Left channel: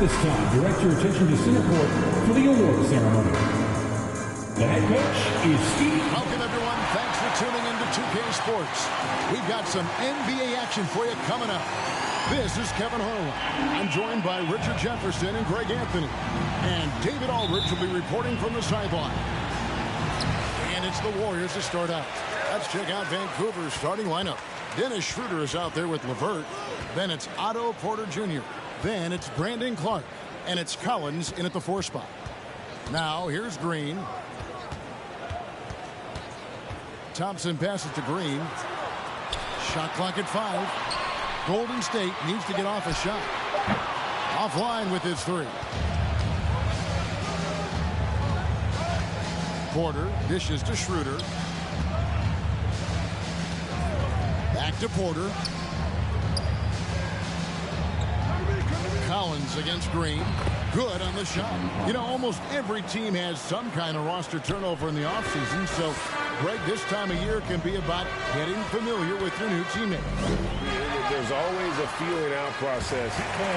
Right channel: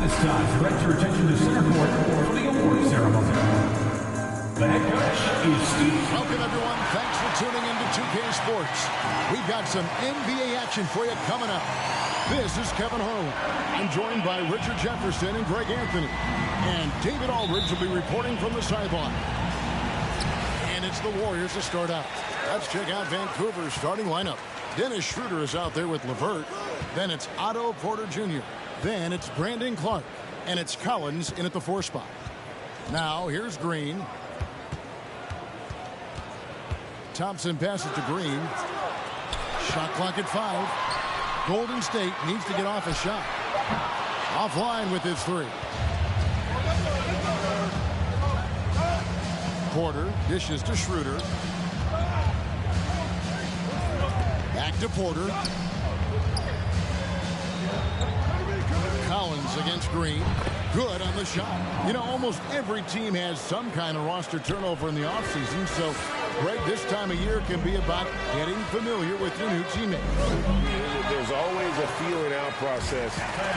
This time, direct your attention to center court for the award ceremony. The head coach is Steve. Welcome, everyone. Thanks for tuning in to 2K Sports. We've got some NBA action for you coming up. This is Kevin Harlan. I'm joined by Richard Jefferson and Greg Anthony. And David Aldridge will be reporting from the sideline. And it's the Warriors to start out. Let's check out Vancouver's starting lineup. Dennis Schroeder is out there with LeVert. Then it's Otto Porter Jr. Then it's Brandon Clark. And it's Collins in at the 4 spot. Now here's Green. Thompson passes to Green. Shot clock at 5. Golden State needs to get off a shot. Offline with his 3. Porter dishes to Schroeder. Back to Porter. Collins against Green. Good on the shot. You know, almost every team has some kind of roster turnover in the offseason, so Greg, this time of year can be about getting familiar with your new teammates. There's always a feeling out process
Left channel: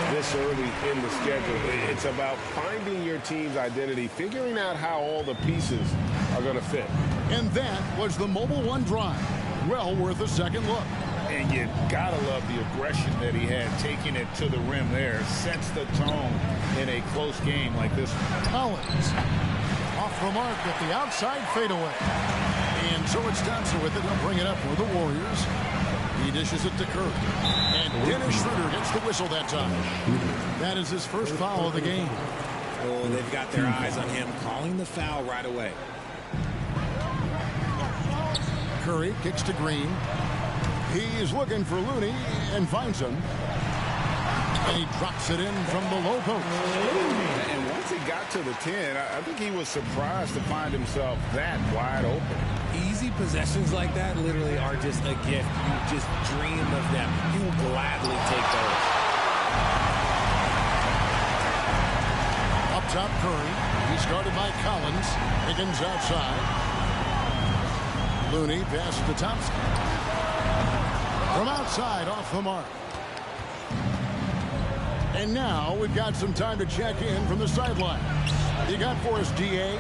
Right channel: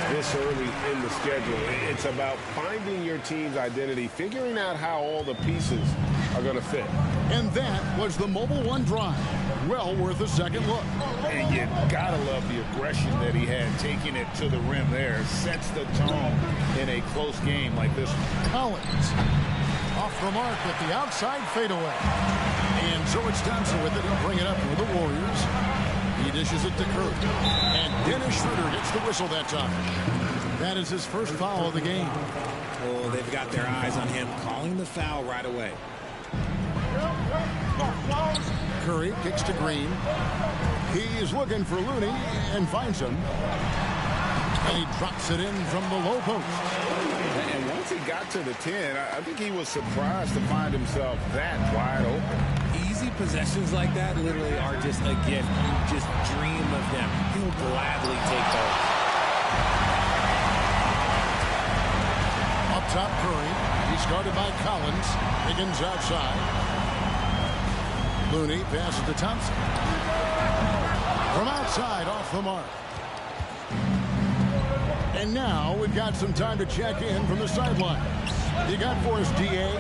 this early in the schedule. It's about finding your team's identity, figuring out how all the pieces are going to fit. And that was the Mobile One drive. Well worth a second look. And you gotta love the aggression that he had, taking it to the rim there. Sets the tone in a close game like this. Collins off the mark with the outside fadeaway. And so it's Thompson with it. He'll bring it up for the Warriors. He dishes it to Curry. And Dennis Schroeder gets the whistle that time. That is his first foul of the game. Oh, they've got their eyes on him, calling the foul right away. Curry kicks to Green. He's looking for Looney and finds him. And he drops it in from the low post. And once he got to the 10, I think he was surprised to find himself that wide open. Easy possessions like that literally are just a gift. You just dream of them. He'll gladly take those. Up top, Curry. He's guarded by Collins. Higgins outside. Looney passes to Thompson. From outside, off the mark. And now we've got some time to check in from the sideline. You got for us, D.A.?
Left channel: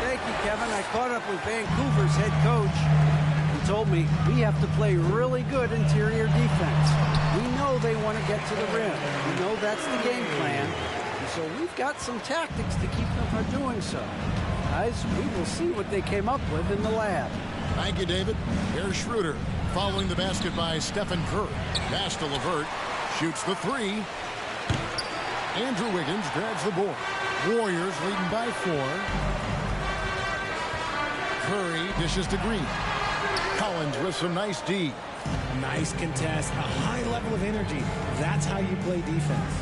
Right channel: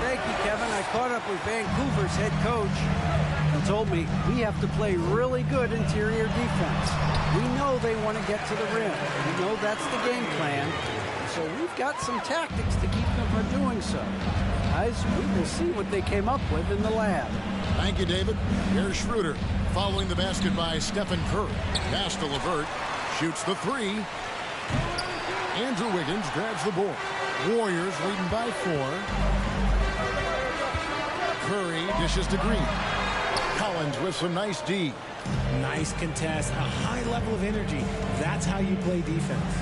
Thank you, Kevin. I caught up with Vancouver's head coach. He told me we have to play really good interior defense. We know they want to get to the rim. We know that's the game plan. And so we've got some tactics to keep them from doing so. Guys, we will see what they came up with in the lab. Thank you, David. Here's Schroeder following the basket by Stephen Curry. Pass to LeVert. Shoots the 3. Andrew Wiggins grabs the board. Warriors leading by 4. Curry dishes to Green. Collins with some nice D. Nice contest, a high level of energy. That's how you play defense.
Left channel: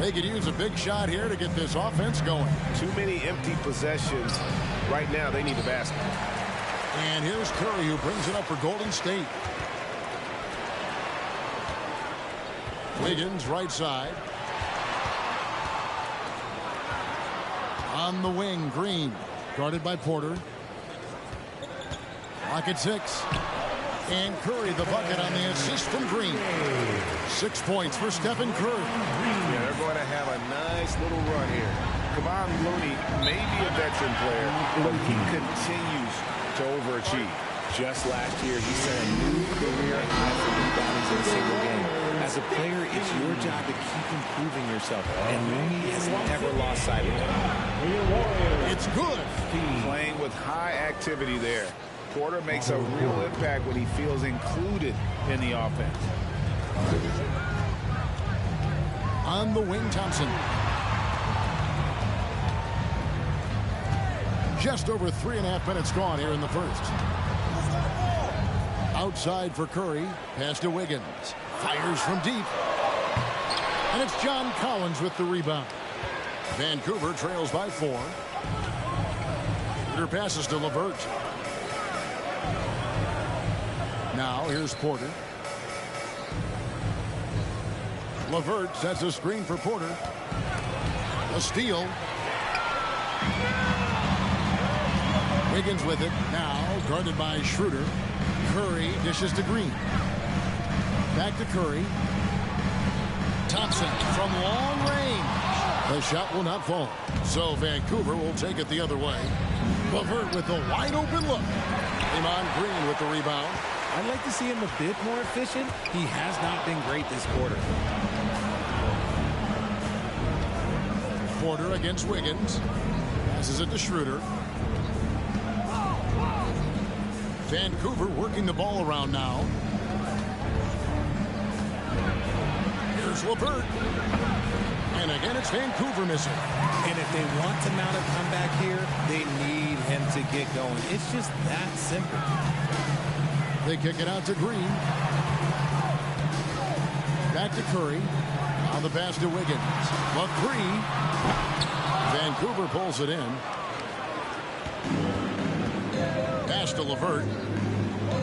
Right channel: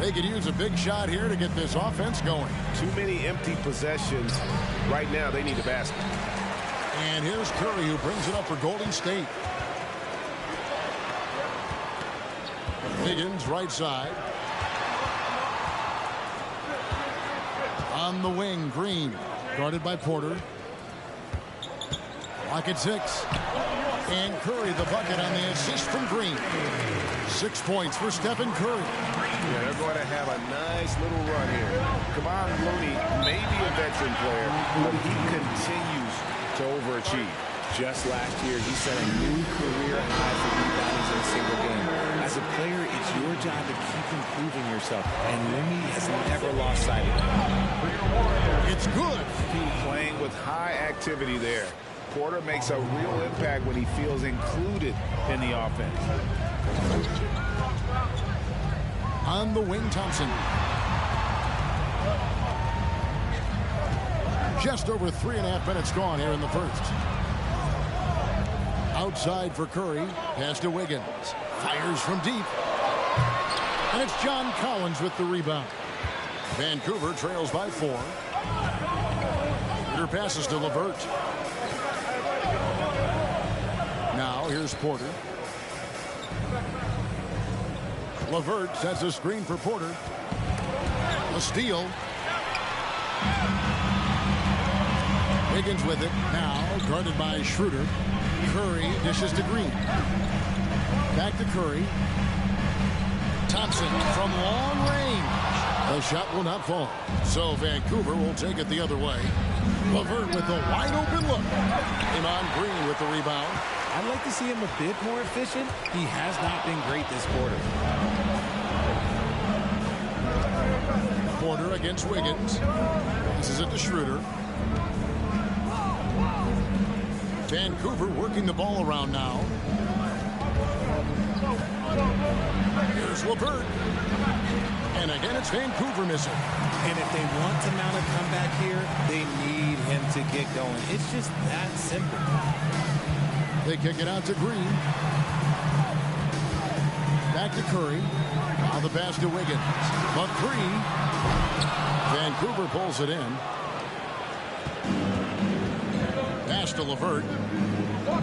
They could use a big shot here to get this offense going. Too many empty possessions. Right now, they need a basket. And here's Curry, who brings it up for Golden State. Wiggins, right side. On the wing, Green. Guarded by Porter. Clock at 6. And Curry, the bucket on the assist from Green. 6 points for Stephen Curry. Yeah, they're going to have a nice little run here. Kevon Looney may be a veteran player, but he continues to overachieve. Just last year, he set a new career high for reboundings in a single game. As a player, it's your job to keep improving yourself, and Looney has never lost sight of that. It's good. Playing with high activity there. Porter makes a real impact when he feels included in the offense. On the wing, Thompson. Just over 3.5 minutes gone here in the first. Outside for Curry. Pass to Wiggins. Fires from deep. And it's John Collins with the rebound. Vancouver trails by 4. Schroeder passes to LeVert. Now here's Porter. LeVert sets a screen for Porter. A steal. Wiggins with it. Now guarded by Schroeder. Curry dishes to Green. Back to Curry. Thompson from long range. The shot will not fall. So Vancouver will take it the other way. LeVert with the wide open look. Draymond Green with the rebound. I'd like to see him a bit more efficient. He has not been great this quarter. Porter against Wiggins. Passes it to Schroeder. Vancouver working the ball around now. Here's LeVert. And again, it's Vancouver missing. And if they want to mount a comeback here, they need him to get going. It's just that simple. They kick it out to Green. Back to Curry. Now the pass to Wiggins. The three. Vancouver pulls it in. Pass to LeVert.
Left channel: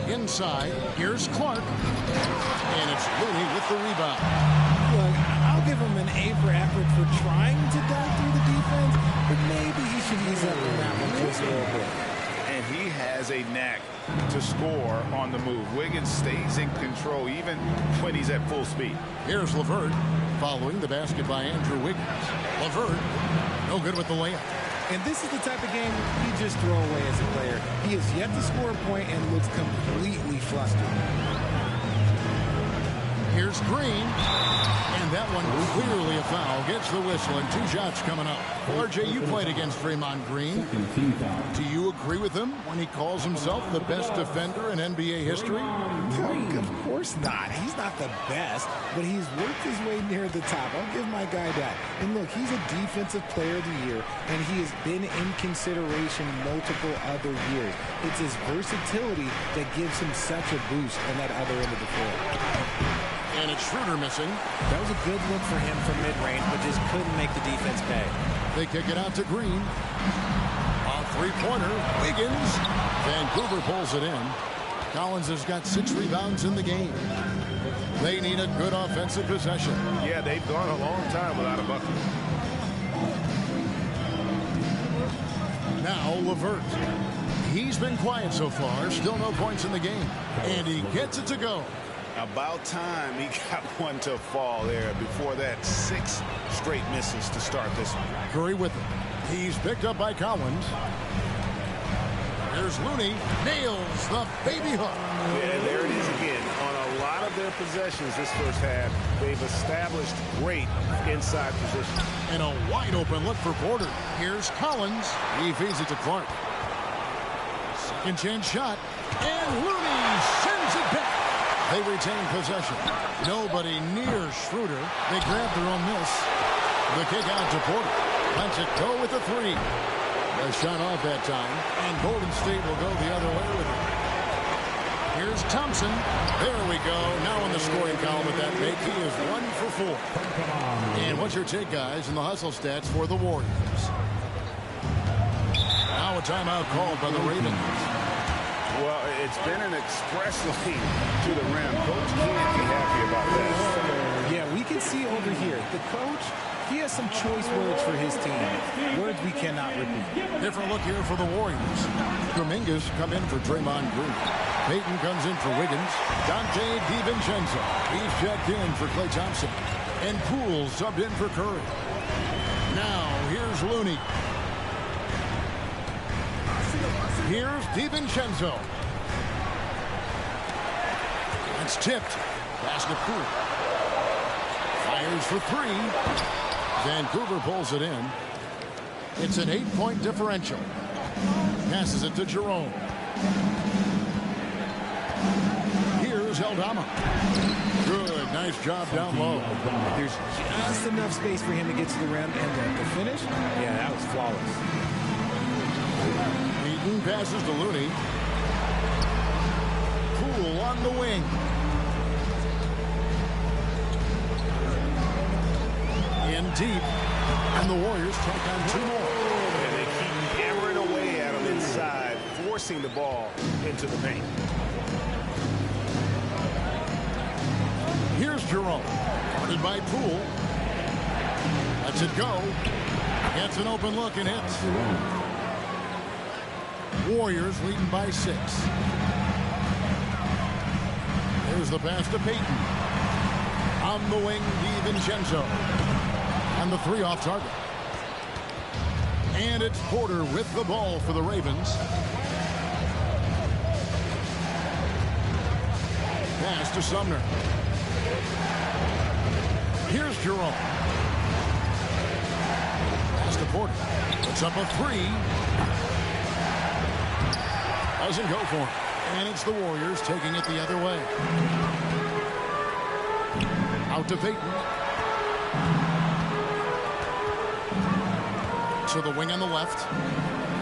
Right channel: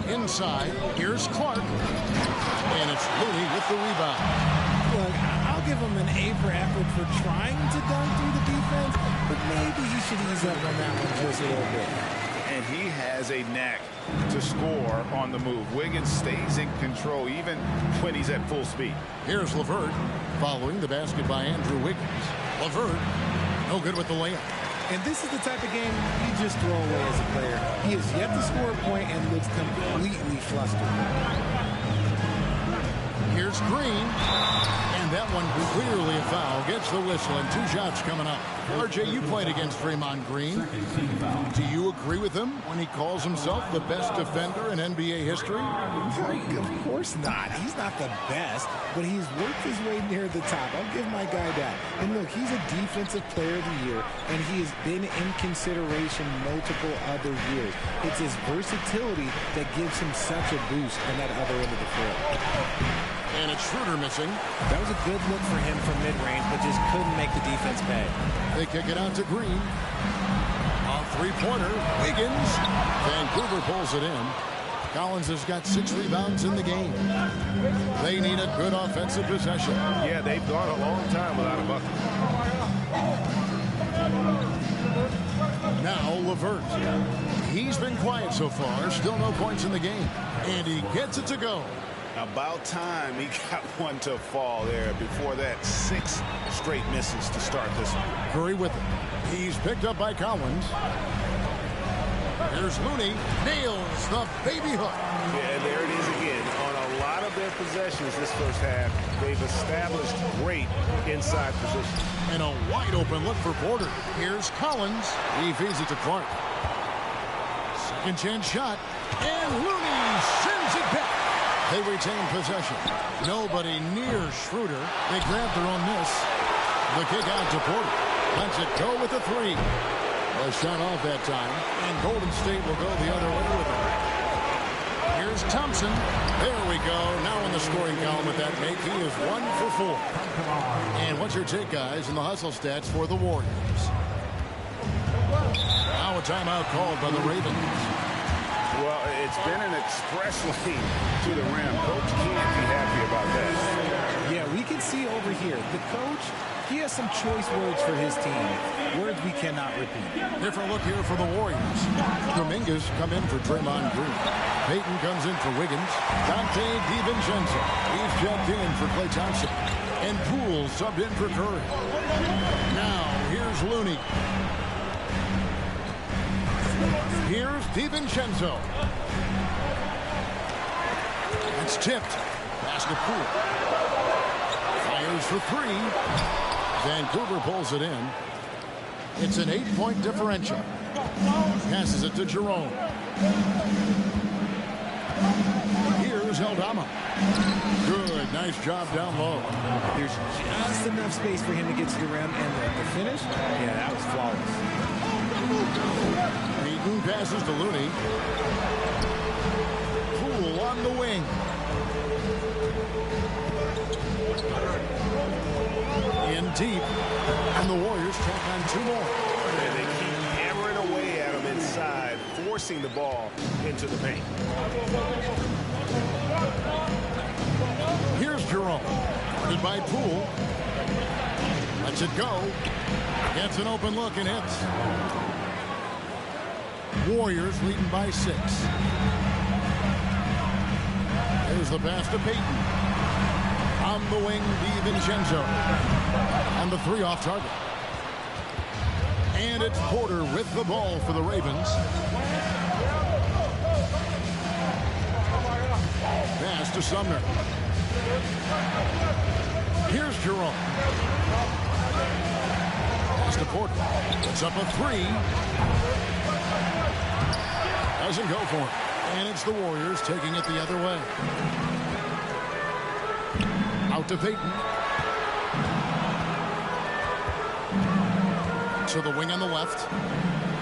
Inside. Here's Clark. And it's Looney with the rebound. Look, I'll give him an A for effort for trying to dunk through the defense, but maybe he should ease up on that one just a little bit. And he has a knack to score on the move. Wiggins stays in control even when he's at full speed. Here's LeVert following the basket by Andrew Wiggins. LeVert, no good with the layup. And this is the type of game you just throw away as a player. He has yet to score a point and looks completely flustered. Here's Green. And that one clearly a foul. Gets the whistle and 2 shots coming up. RJ, you played against Draymond Green. Do you agree with him when he calls himself the best defender in NBA history? Of course not. He's not the best, but he's worked his way near the top. I'll give my guy that. And look, he's a defensive player of the year, and he has been in consideration multiple other years. It's his versatility that gives him such a boost on that other end of the floor. And it's Schroeder missing. That was a good look for him from mid-range, but just couldn't make the defense pay. They kick it out to Green. A three-pointer. Wiggins. Vancouver pulls it in. Collins has got 6 rebounds in the game. They need a good offensive possession. Yeah, they've gone a long time without a bucket. Now LeVert. He's been quiet so far. Still no points in the game. And he gets it to go. About time he got one to fall there. Before that, 6 straight misses to start this one. Curry with it. He's picked up by Collins. Here's Looney. Nails the baby hook. Yeah, there it is again. On a lot of their possessions this first half, they've established great inside position. And a wide open look for Porter. Here's Collins. He feeds it to Clark. Second chance shot. And Looney sends it back. They retain possession. Nobody near Schroeder. They grab their own miss. The kick out to Porter. Lets it go with the 3. The shot off that time. And Golden State will go the other way with it. Here's Thompson. There we go. Now in the scoring column with that make. He is 1 for 4. And what's your take, guys, in the hustle stats for the Warriors? Now a timeout called by the Ravens. Well, it's been an express lane to the rim. Coach can't be happy about that. Yeah, we can see over here, the coach, he has some choice words for his team. Words we cannot repeat. Different look here for the Warriors. Dominguez come in for Draymond Green. Payton comes in for Wiggins. Dante DiVincenzo. He's checked in for Klay Thompson. And Poole subbed in for Curry. Now, here's Looney. Here's DiVincenzo. That's tipped. Pass to Poole. Fires for 3. Vancouver pulls it in. It's an 8-point differential. Passes it to Jerome. Here's Aldama. Good. Nice job down low. There's just enough space for him to get to the rim, and the finish, yeah, that was flawless. Payton passes to Looney. Poole on the wing. In deep. And the Warriors tack on 2 more. And they keep hammering away at him inside, forcing the ball into the paint. Here's Jerome. Guarded by Poole. Lets it go. Gets an open look and hits. Warriors leading by 6. There's the pass to Payton. On the wing, DiVincenzo. And the three off target. And it's Porter with the ball for the Ravens. Pass to Sumner. Here's Jerome. Pass to Porter. Puts up a three. Doesn't go for him. And it's the Warriors taking it the other way. Out to Payton. To the wing on the left.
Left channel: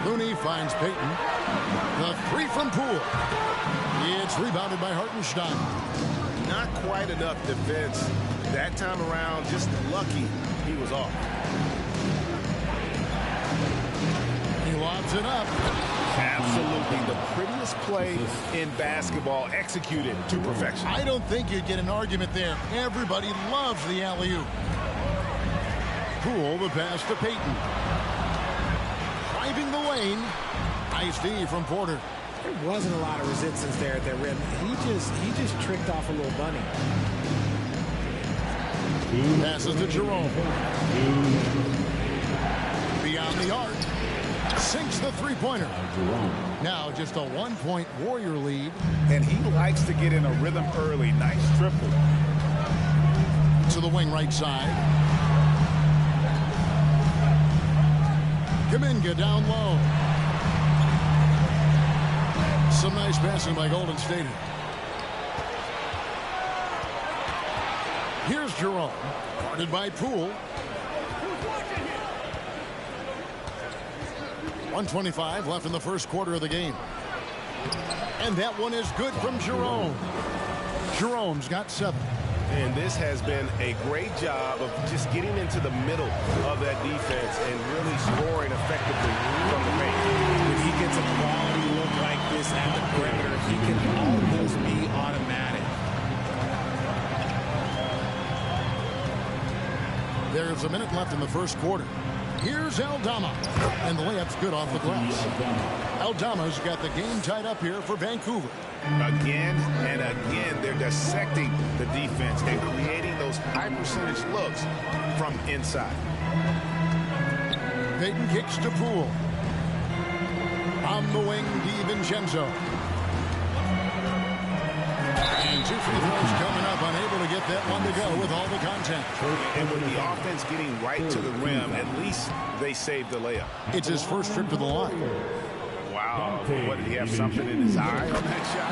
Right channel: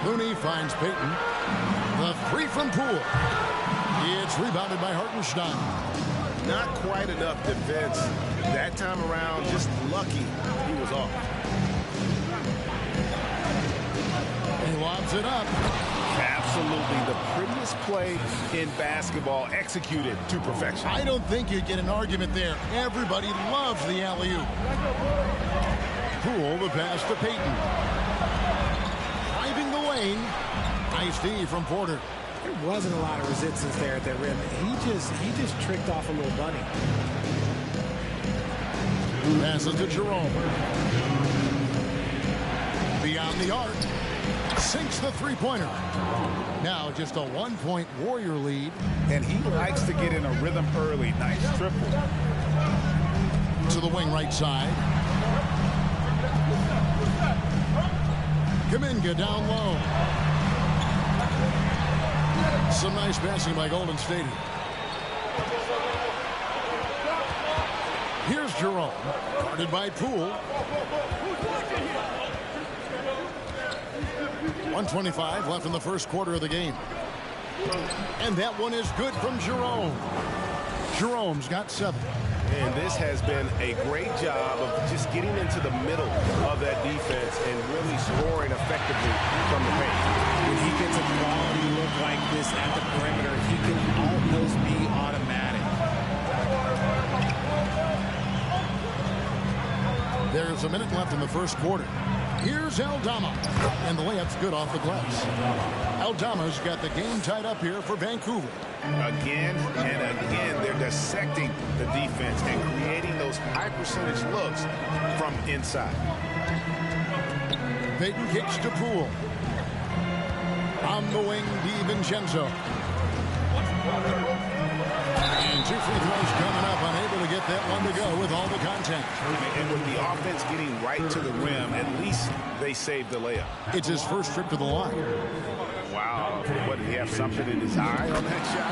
Looney finds Payton. The three from Poole. It's rebounded by Hartenstein. Not quite enough defense that time around. Just lucky he was off. He lobs it up. Absolutely the prettiest play in basketball, executed to perfection. I don't think you'd get an argument there. Everybody loves the alley-oop. Poole, the pass to Payton. Driving the lane. Nice D from Porter. There wasn't a lot of resistance there at that rim. He just tricked off a little bunny. Passes to Jerome. Beyond the arc. Sinks the three-pointer. Now just a 1-point Warrior lead. And he likes to get in a rhythm early. Nice triple. To the wing right side. Kuminga down low. Some nice passing by Golden State. Here's Jerome. Guarded by Poole. 1:25 left in the first quarter of the game. And that one is good from Jerome. Jerome's got 7. And this has been a great job of just getting into the middle of that defense and really scoring effectively from the paint. When he gets a quality look like this at the perimeter, he can almost be automatic. There's a minute left in the first quarter. Here's Aldama. And the layup's good off the glass. Aldama's got the game tied up here for Vancouver. Again and again, they're dissecting the defense and creating those high percentage looks from inside. Payton kicks to Poole. On the wing, DiVincenzo. And 2 free throws coming up, unable to get that one to go with all the contact. And with the offense getting right to the rim, at least they saved the layup. It's his first trip to the line. Wow. What, did he have something in his eye on that shot?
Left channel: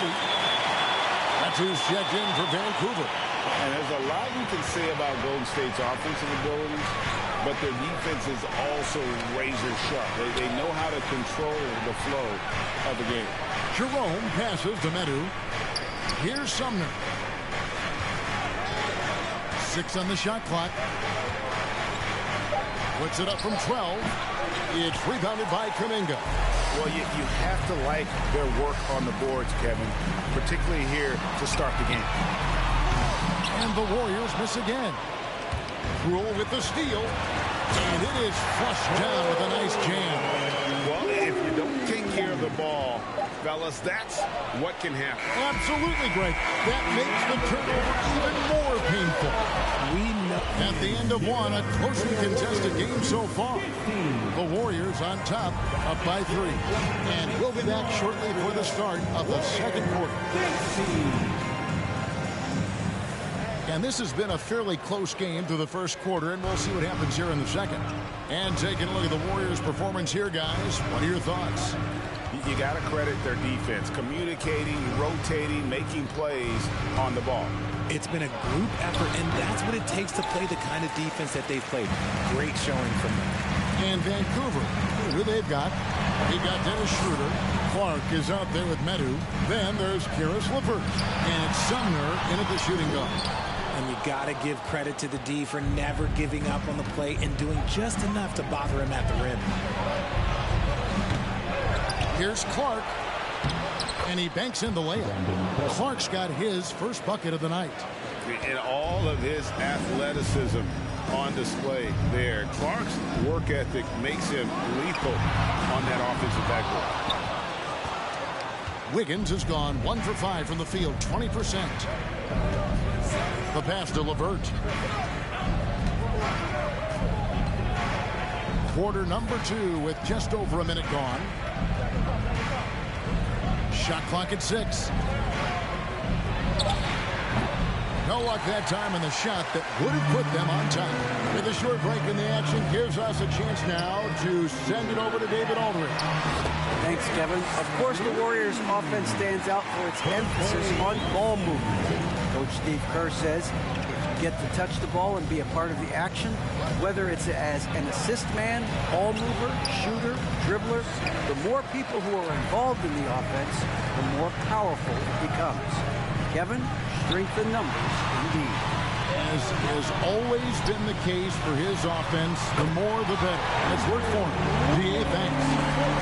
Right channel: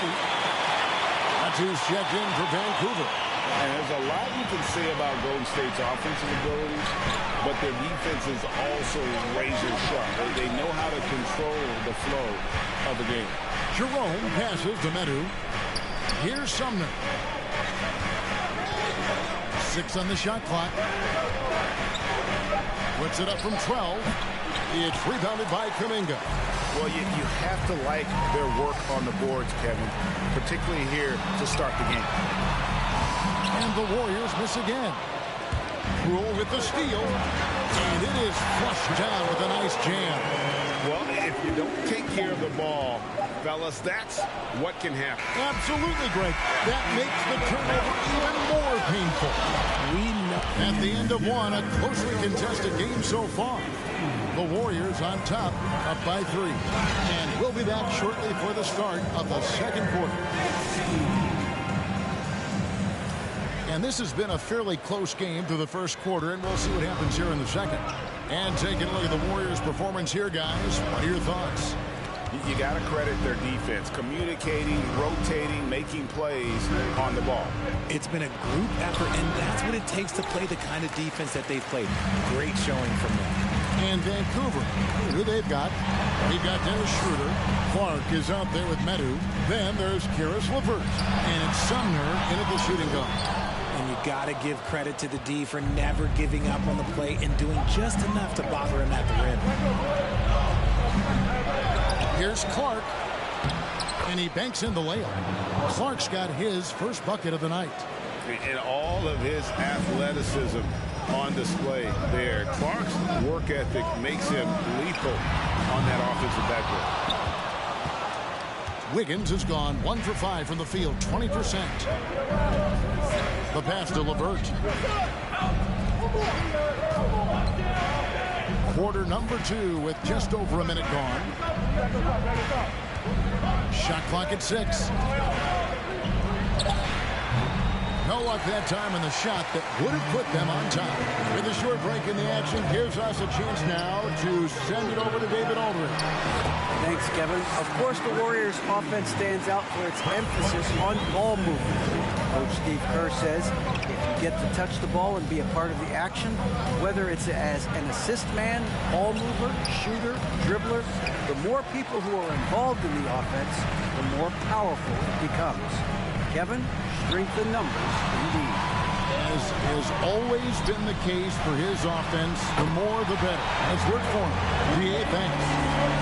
Maybe. That's who's checked in for Vancouver. And there's a lot you can say about Golden State's offensive abilities, but their defense is also razor sharp. They know how to control the flow of the game. Jerome passes to Medu. Here's Sumner. 6 on the shot clock. Puts it up from 12. It's rebounded by Kuminga. Well, you have to like their work on the boards, Kevin, particularly here to start the game. And the Warriors miss again. Poole with the steal. And it is flushed down with a nice jam. Well, if you don't take care of the ball, fellas, that's what can happen. Absolutely, Greg. That makes the turnover even more painful. We know. At the end of one, a closely contested game so far. The Warriors on top, up by 3. And we'll be back shortly for the start of the second quarter. And this has been a fairly close game through the first quarter, and we'll see what happens here in the second. And taking a look at the Warriors' performance here, guys, what are your thoughts? You got to credit their defense, communicating, rotating, making plays on the ball. It's been a group effort, and that's what it takes to play the kind of defense that they've played. Great showing from them. And Vancouver, who they've got? They've got Dennis Schroeder. Clark is out there with Medu. Then there's Caris LeVert. And it's Sumner in at the shooting guard. And you got to give credit to the D for never giving up on the play and doing just enough to bother him at the rim. Here's Clark. And he banks in the layup. Clark's got his first bucket of the night. And all of his athleticism on display there. Clark's work ethic makes him lethal on that offensive backboard. Wiggins has gone 1 for 5 from the field, 20%. The pass to LeVert. Quarter number 2 with just over a minute gone. Shot clock at 6. No luck that time on the shot that would have put them on top. With a short break in the action, gives us a chance now to send it over to David Aldridge. Thanks, Kevin. Of course, the Warriors' offense stands out for its emphasis on ball movement. Coach Steve Kerr says if you get to touch the ball and be a part of the action, whether it's as an assist man, ball mover, shooter, dribbler, the more people who are involved in the offense, the more powerful it becomes. Kevin, strength in numbers indeed. As has always been the case for his offense, the more the better. And it's worked for him. DA, thanks.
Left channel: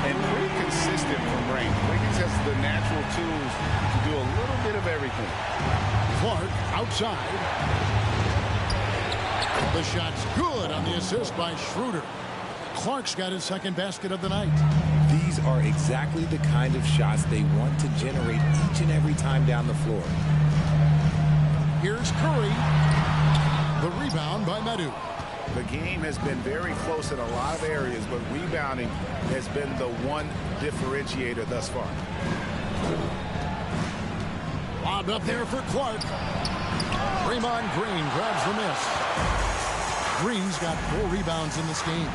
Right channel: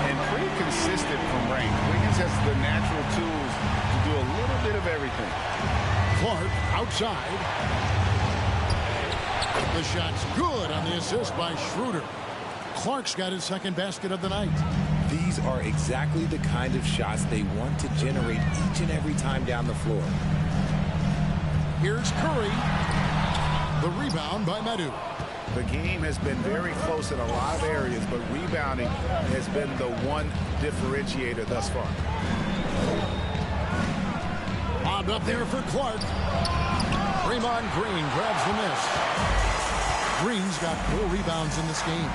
And pretty consistent from range. Wiggins has the natural tools to do a little bit of everything. Clark outside. The shot's good on the assist by Schroeder. Clark's got his second basket of the night. These are exactly the kind of shots they want to generate each and every time down the floor. Here's Curry. The rebound by Medu. The game has been very close in a lot of areas, but rebounding has been the one differentiator thus far. Lobbed up there for Clark. Draymond Green grabs the miss. Green's got 4 rebounds in this game.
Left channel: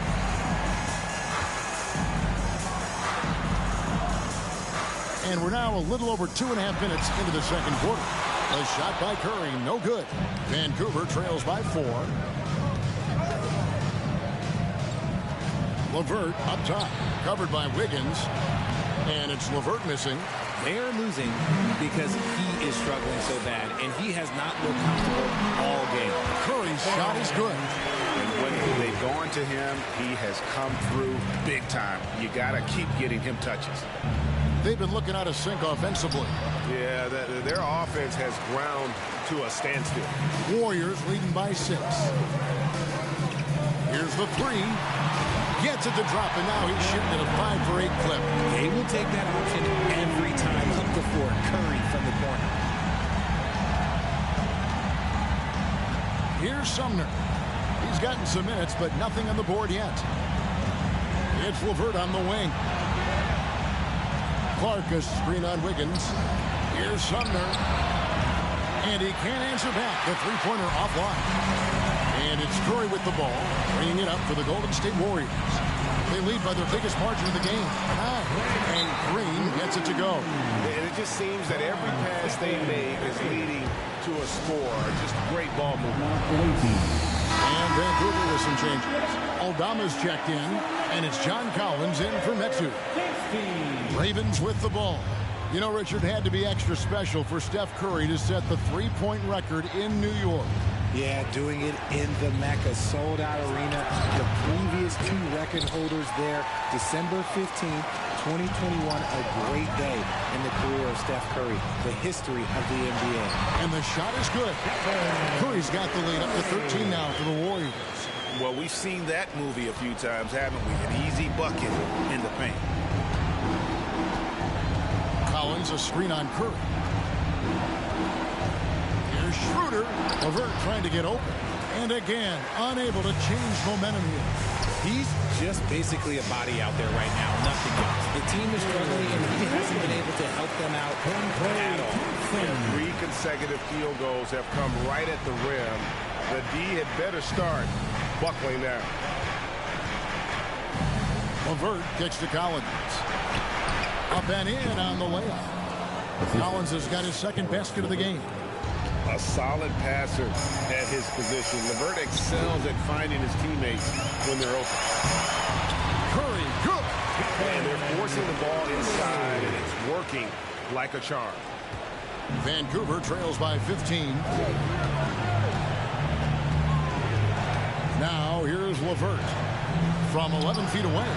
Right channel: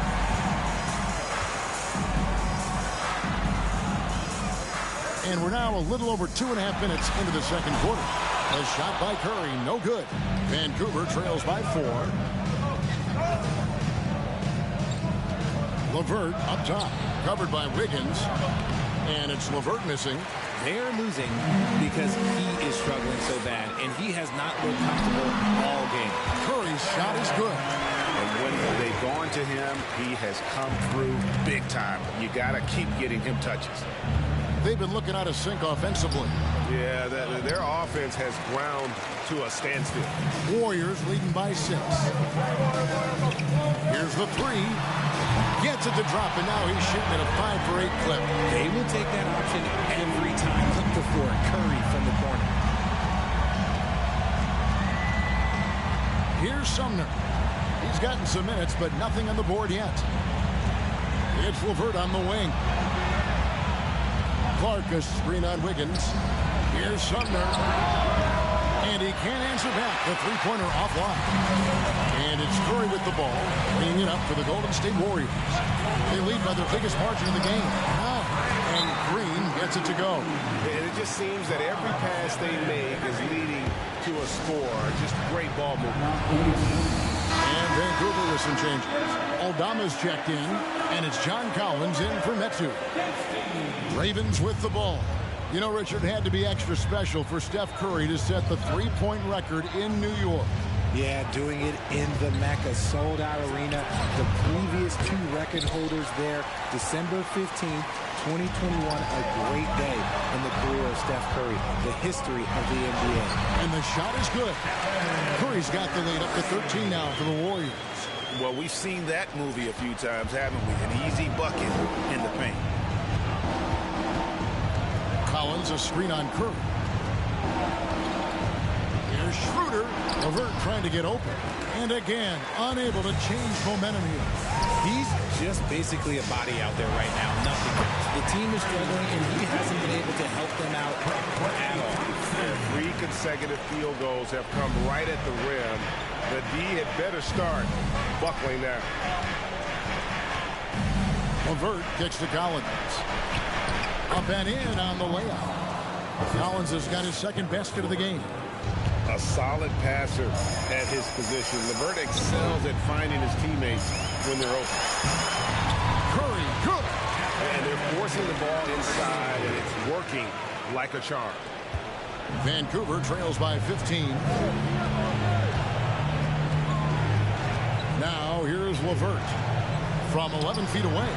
And we're now a little over 2.5 minutes into the second quarter. The shot by Curry, no good. Vancouver trails by 4. LeVert up top, covered by Wiggins. And it's LeVert missing. They're losing because he is struggling so bad, and he has not looked comfortable all game. Curry's shot is good. And when they've gone to him, he has come through big time. You got to keep getting him touches. They've been looking out of sync offensively. Yeah, their offense has ground to a standstill. Warriors leading by 6. Here's the 3. Gets it to drop, and now he's shooting at a 5 for 8 clip. They will take that option every time up the floor. Curry from the corner. Here's Sumner. He's gotten some minutes, but nothing on the board yet. It's LeVert on the wing. Clark, a screen on Wiggins. Here's Sumner. And he can't answer back. The three-pointer offline. And it's Curry with the ball, bringing it up for the Golden State Warriors. They lead by their biggest margin of the game, 9. And Green gets it to go. And it just seems that every pass they make is leading to a score. Just great ball movement. And Vancouver with some changes. Aldama's checked in, and it's John Collins in for Metu. Ravens with the ball. You know, Richard, had to be extra special for Steph Curry to set the three-point record in New York. Yeah, doing it in the Mecca sold-out arena. The previous 2 record holders there, December 15th, 2021, a great day in the career of Steph Curry, the history of the NBA. And the shot is good. Curry's got the lead up to 13 now for the Warriors. Well, we've seen that movie a few times, haven't we? An easy bucket in the paint. Collins, a screen on Curry. Here's Schroeder. LeVert trying to get open. And again, unable to change momentum here. He's just basically a body out there right now, nothing else. The team is struggling, and he hasn't been able to help them out at all. Yeah, 3 consecutive field goals have come right at the rim. The D had better start buckling down. LeVert kicks to Collins. Up and in on the layup. Collins has got his second basket of the game. A solid passer at his position. LeVert excels at finding his teammates when they're open. Curry, good. And they're forcing the ball inside, and it's working like a charm. Vancouver trails by 15. Now here's LeVert from 11 feet away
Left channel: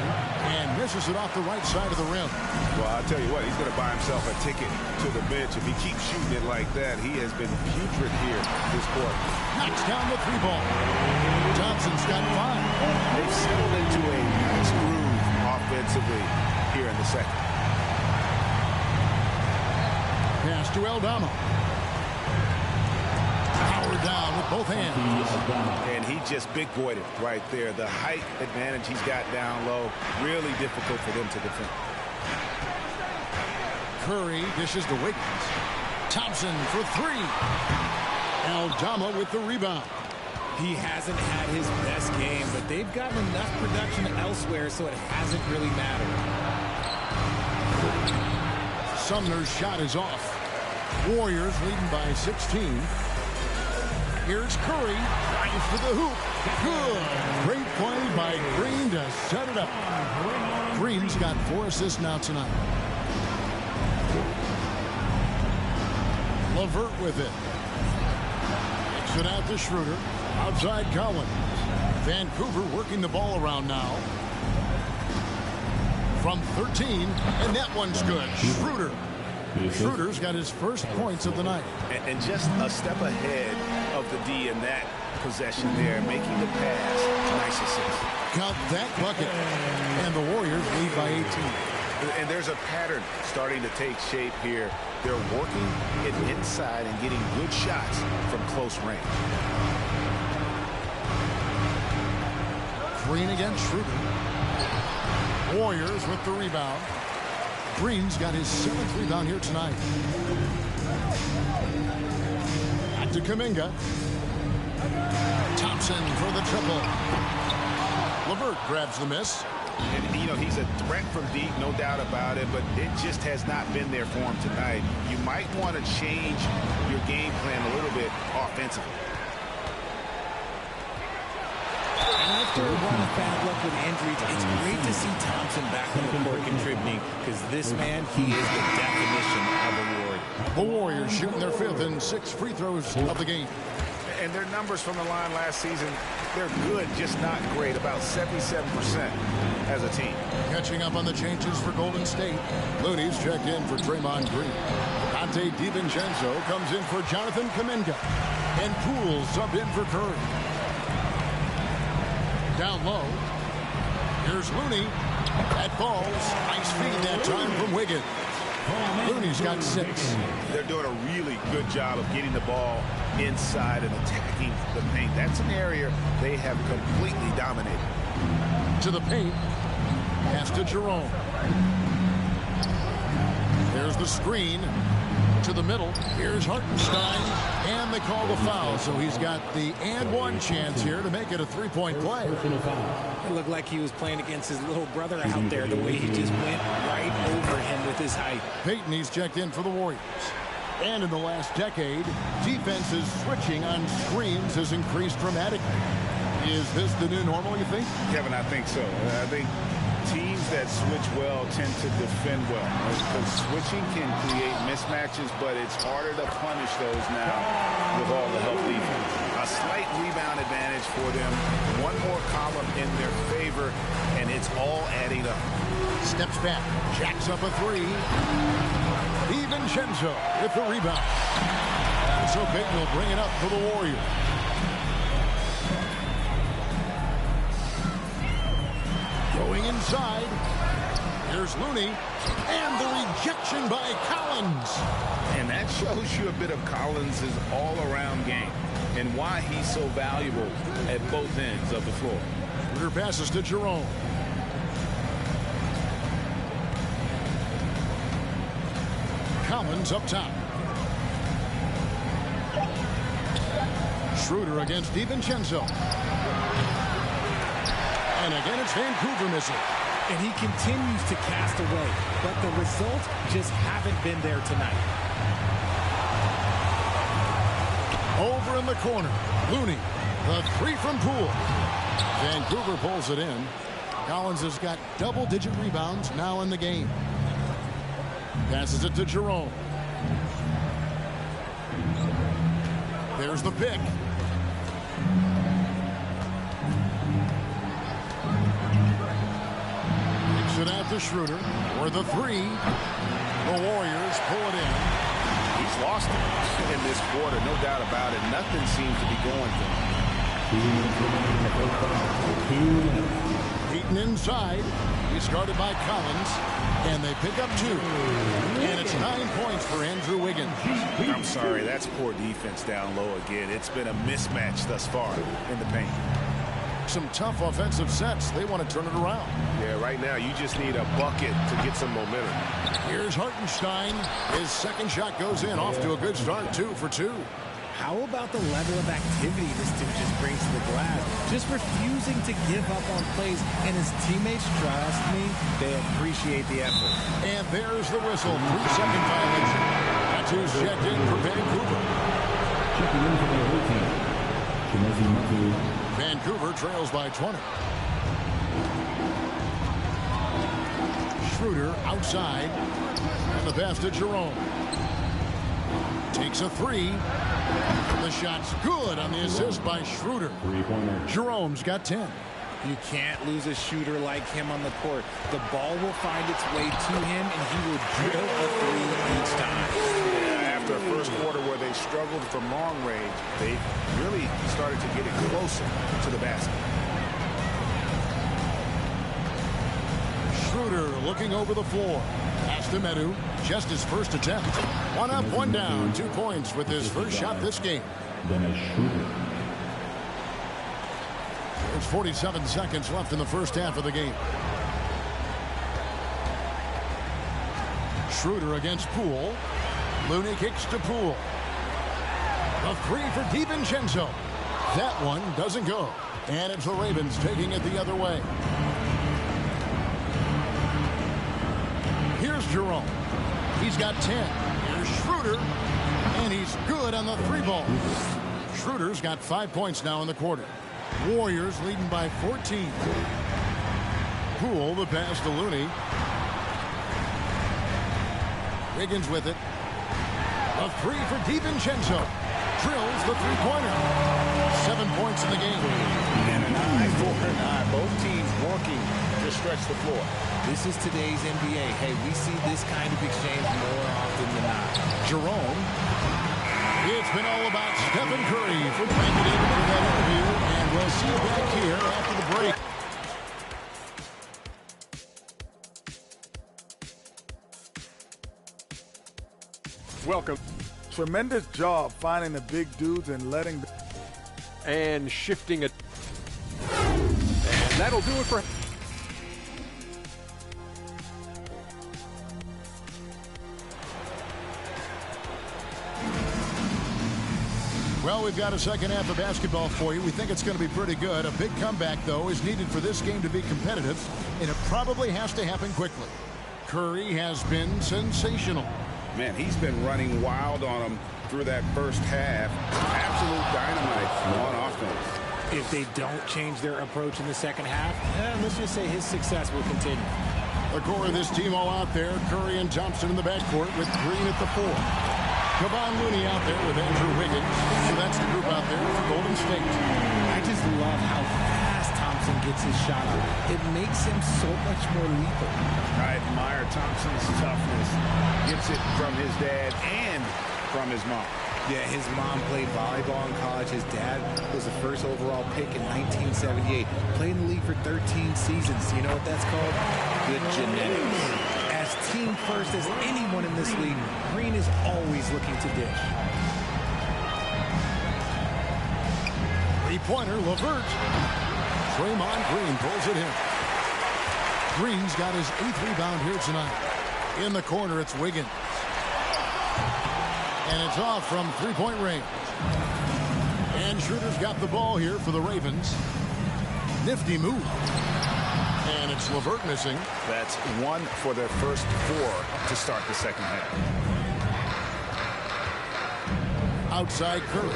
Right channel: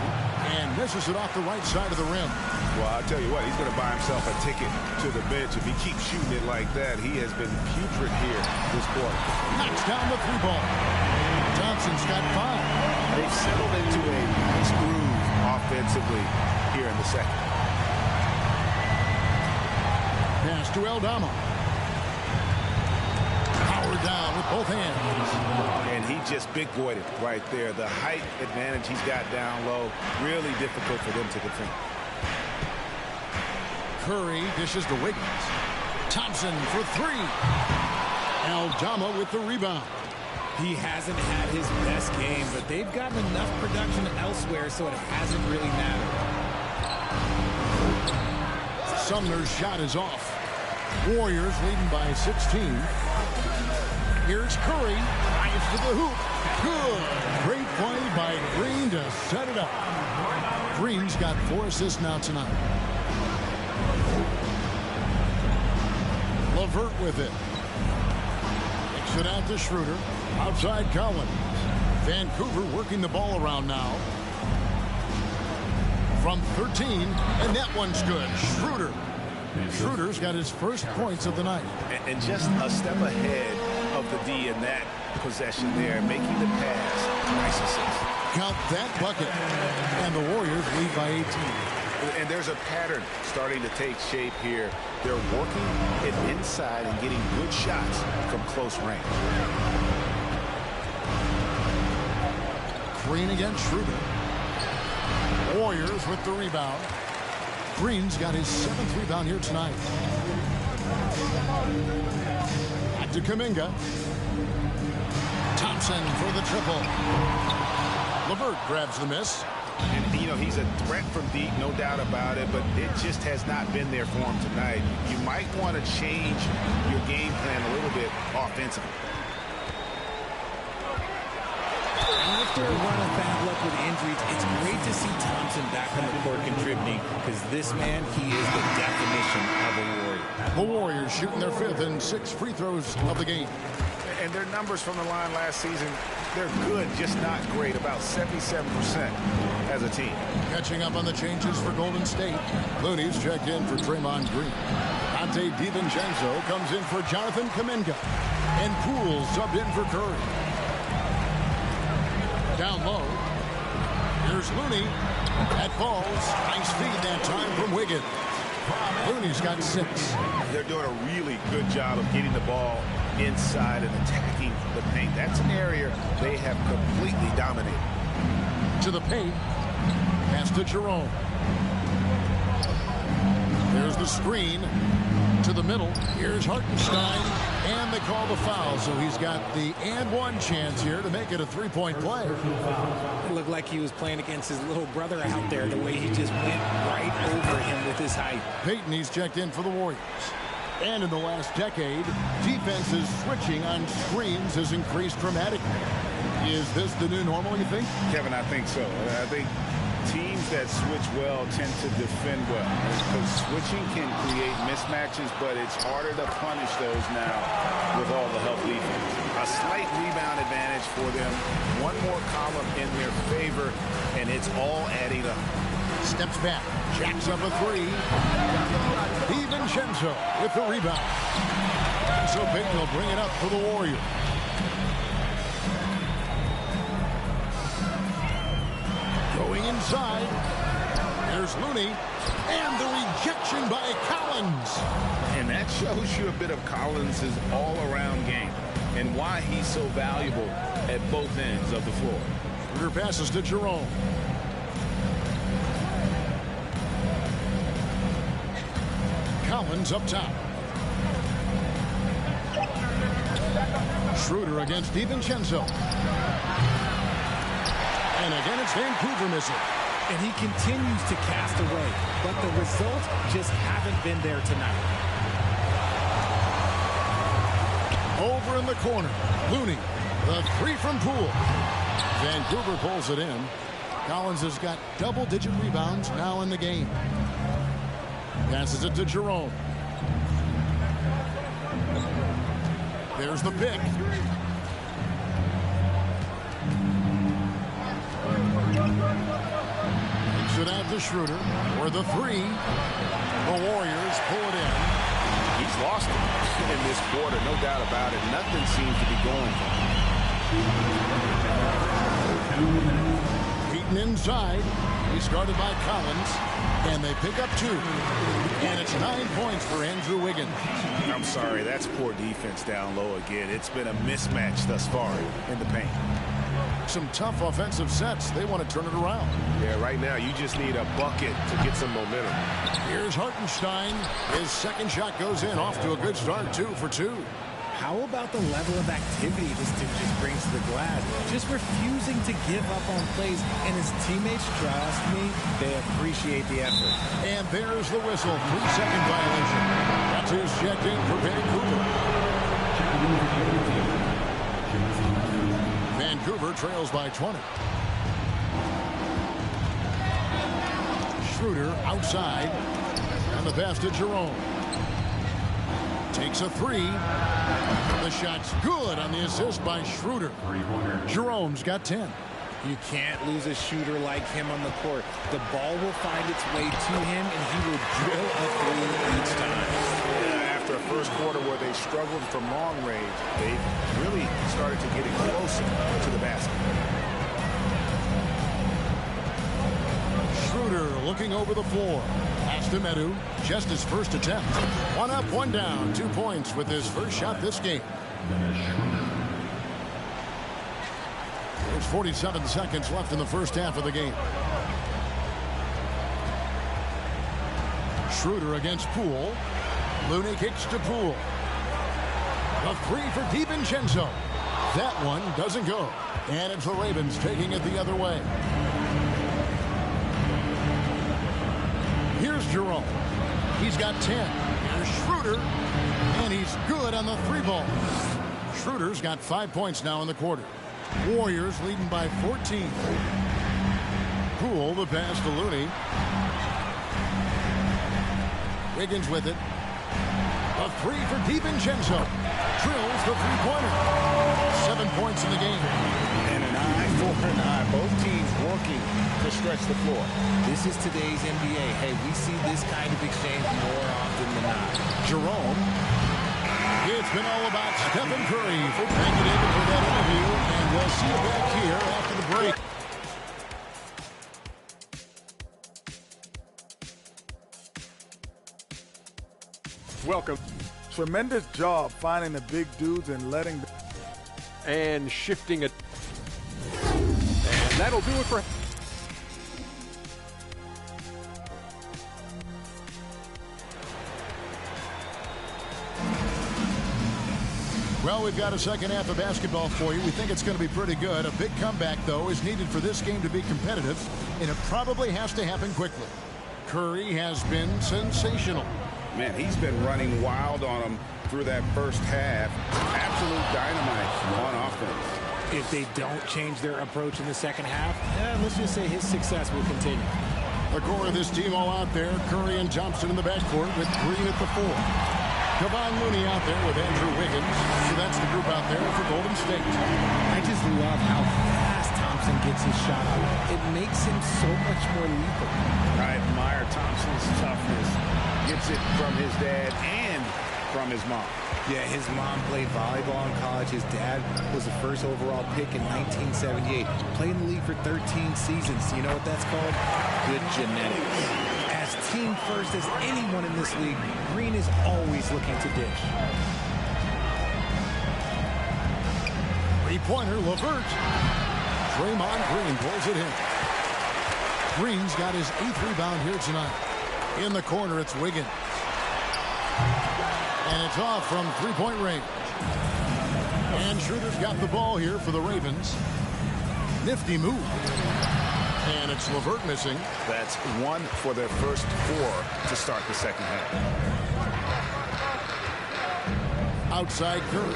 and misses it off the right side of the rim. Well, I'll tell you what, he's going to buy himself a ticket to the bench. If he keeps shooting it like that, he has been putrid here this quarter. Knocks down the 3 ball. Johnson's got 5. They've settled into a nice groove offensively here in the second. Pass to Aldama. Power down with both hands. And he just big boyed it right there. The height advantage he's got down low, really difficult for them to defend. Curry dishes to Wiggins. Thompson for three. Aldama with the rebound. He hasn't had his best game, but they've gotten enough production elsewhere, so it hasn't really mattered. Sumner's shot is off. Warriors leading by 16. Here's Curry. Drives to the hoop. Good. Great play by Green to set it up. Green's got 4 assists now tonight. LeVert with it. Kicks it out to Schroeder. Outside Collins. Vancouver working the ball around now. From 13, and that one's good. Schroeder. Schroeder's got his first points of the night. And just a step ahead of the D in that possession there, making the pass. Nice assist. Count that bucket. And the Warriors lead by 18. And there's a pattern starting to take shape here. They're working it inside and getting good shots from close range. Green against Schroeder. Warriors with the rebound. Green's got his 7th rebound here tonight. Back to Kuminga. Thompson for the triple. LeVert grabs the miss. And, you know, he's a threat from deep, no doubt about it, but it just has not been there for him tonight. You might want to change your game plan a little bit offensively. After a run of bad luck with injuries, it's great to see Thompson back on the court contributing, because this man, he is the definition of a Warrior. The Warriors shooting their 5th and 6th free throws of the game. And their numbers from the line last season, they're good, just not great, about 77% as a team. Catching up on the changes for Golden State. Looney's checked in for Draymond Green. Dante DiVincenzo comes in for Jonathan Kuminga. And Poole subbed in for Curry. Down low. Here's Looney. That falls. Nice feed that time from Wiggins. Looney's got 6. They're doing a really good job of getting the ball inside and attacking the paint. That's an area they have completely dominated. To the paint. Pass to Jerome. There's the screen. To the middle. Here's Hartenstein. And they call the foul. So he's got the and one chance here to make it a 3-point play. It looked like he was playing against his little brother out there, the way he just went right over him with his height. Peyton, he's checked in for the Warriors. And in the last decade, defenses switching on screens has increased dramatically. Is this the new normal, you think? Kevin, I think so. I think teams that switch well tend to defend well, because switching can create mismatches, but it's harder to punish those now with all the help defense. A slight rebound advantage for them. One more column in their favor, and it's all adding up. Steps back, jacks up a 3. DiVincenzo with the rebound. And so Peyton will bring it up for the Warriors. Going inside. Here's Looney. And the rejection by Collins. And that shows you a bit of Collins' all-around game and why he's so valuable at both ends of the floor. Schroeder passes to Jerome. Collins up top. Schroeder against DiVincenzo. And again, it's Vancouver missing. And he continues to cast away, but the results just haven't been there tonight. Over in the corner, Looney, the 3 from Poole. Vancouver pulls it in. Collins has got double-digit rebounds now in the game. Passes it to Jerome. There's the pick. Takes it out to Schroeder for the 3. The Warriors pull it in. He's lost it in this quarter, no doubt about it. Nothing seems to be going for him. Beaten inside. He started by Collins, and they pick up 2. And it's 9 points for Andrew Wiggins. I'm sorry, that's poor defense down low again. It's been a mismatch thus far in the paint. Some tough offensive sets. They want to turn it around. Yeah, right now you just need a bucket to get some momentum. Here's Hartenstein. His second shot goes in. Off to a good start, 2 for 2. How about the level of activity this dude just brings to the glass? Just refusing to give up on plays, and his teammates, trust me, they appreciate the effort. And there's the whistle. 3-second violation. That's who's checked in for Vancouver. Checking in for the blue team. Chimezie Metu. Vancouver trails by 20. Schroeder outside. And the pass to Jerome. Takes a 3. The shot's good on the assist by Schroeder. Three-pointer. Jerome's got 10. You can't lose a shooter like him on the court. The ball will find its way to him, and he will drill a 3 each time. Yeah, after a first quarter where they struggled from long range, they've really started to get it closer to the basket. Schroeder looking over the floor. Pass to Metu. Just his first attempt. 1 up, 1 down. 2 points with his first shot this game. Dennis Schroeder. There's 47 seconds left in the first half of the game. Schroeder against Poole. Looney kicks to Poole. The 3 for DiVincenzo. That one doesn't go. And it's the Ravens taking it the other way. Here's Jerome. He's got 10. Here's Schroeder. And he's good on the 3-ball. Schroeder's got 5 points now in the quarter. Warriors leading by 14. Poole, the pass to Looney. Wiggins with it. A 3 for DiVincenzo. Drills the 3-pointer. 7 points in the game. And an eye for an eye. Both teams working to stretch the floor. This is today's NBA. Hey, we see this kind of exchange more often than not. Jerome. It's been all about Stephen Curry. Thank you, David, for that interview. And we'll see you back here after the break. Welcome. Tremendous job finding the big dudes and letting and shifting it. And that'll do it for Well, we've got a second half of basketball for you. We think it's going to be pretty good. A big comeback, though, is needed for this game to be competitive, and it probably has to happen quickly. Curry has been sensational. Man, he's been running wild on them through that first half. Absolute dynamite on offense. If they don't change their approach in the second half, let's just say his success will continue. The core of this team all out there. Curry and Thompson in the backcourt with Green at the 4. Kevon Looney out there with Andrew Wiggins. So that's the group out there for Golden State. I just love how fast Thompson gets his shot up. It makes him so much more lethal. I admire Thompson's toughness. Gets it from his dad and from his mom. Yeah, his mom played volleyball in college. His dad was the first overall pick in 1978. Played in the league for 13 seasons. You know what that's called? Good genetics. As team first as anyone in this league, Green is always looking to dish. 3-pointer, LeVert. Draymond Green pulls it in. Green's got his 8th rebound here tonight. In the corner, it's Wiggins. And it's off from 3-point range. And Schroeder's got the ball here for the Ravens. Nifty move. And it's LeVert missing. That's 1 for their first 4 to start the second half. Outside Curry.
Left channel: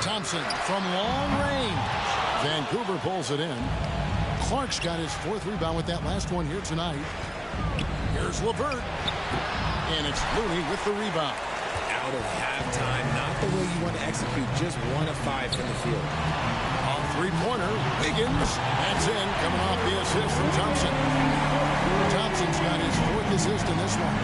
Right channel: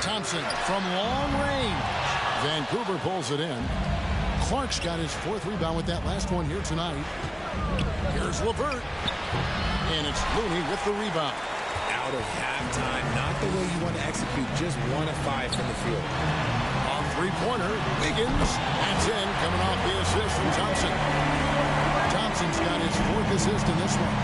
Thompson from long range. Vancouver pulls it in. Clark's got his 4th rebound with that last one here tonight. Here's LeVert. And it's Looney with the rebound. Out of halftime, not the way you want to execute, just 1 of 5 from the field. On 3-pointer, Wiggins. That's in, coming off the assist from Thompson. Thompson's got his 4th assist in this one.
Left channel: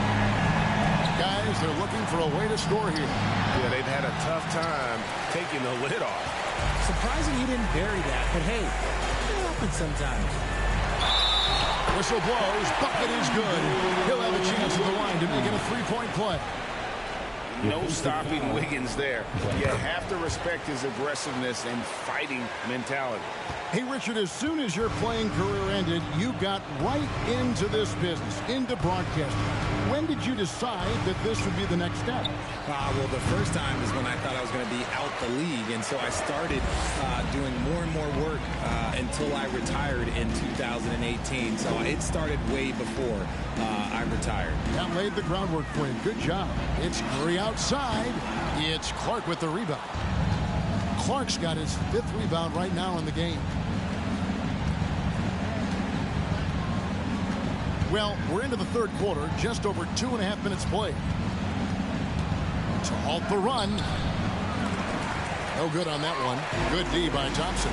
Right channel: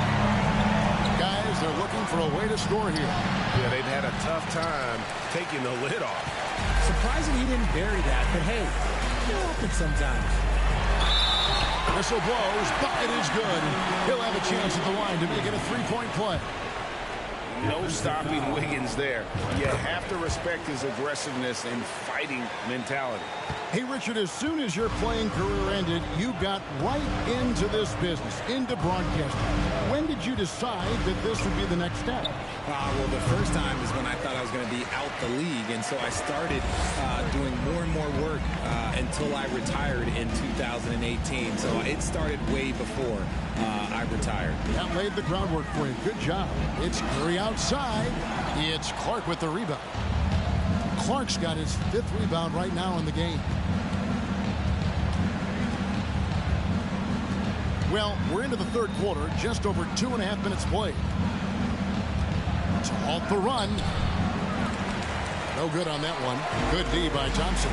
Guys, they're looking for a way to score here. Yeah, they've had a tough time taking the lid off. Surprising he didn't bury that, but hey, it happens sometimes. Whistle blows. Bucket is good. He'll have a chance at the line to make it a three-point play. No stopping Wiggins there. You have to respect his aggressiveness and fighting mentality. Hey, Richard, as soon as your playing career ended, you got right into this business, into broadcasting. When did you decide that this would be the next step? Well, the first time is when I thought I was going to be out the league, and so I started doing more and more work until I retired in 2018. So it started way before I retired. That laid the groundwork for you. Good job. It's Curry outside. It's Clark with the rebound. Clark's got his 5th rebound right now in the game. Well, we're into the 3rd quarter, just over 2.5 minutes played. To halt the run. No good on that one. Good D by Thompson.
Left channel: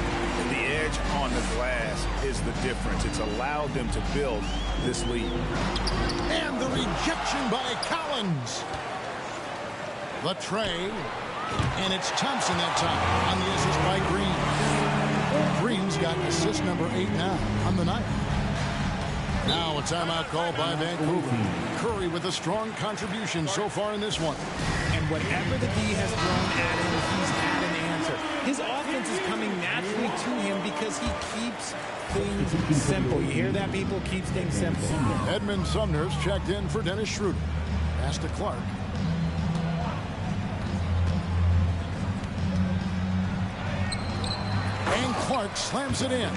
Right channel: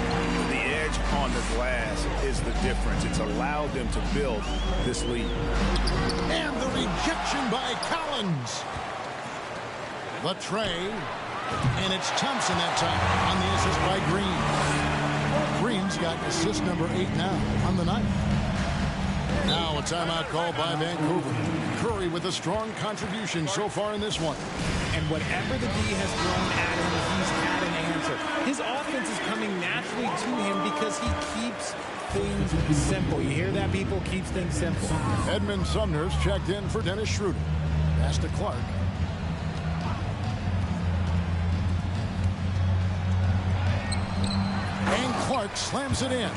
The edge on the glass is the difference. It's allowed them to build this lead. And the rejection by Collins. The tray. And it's Thompson that time on the assist by Green. Green's got assist number 8 now on the night. Now a timeout call by Vancouver. Curry with a strong contribution so far in this one. And whatever the D has thrown at him, he's had an answer. His offense is coming naturally to him because he keeps things simple. You hear that, people? Keeps things simple. Edmund Sumner's checked in for Dennis Schroeder. Pass to Clark. And Clark slams it in.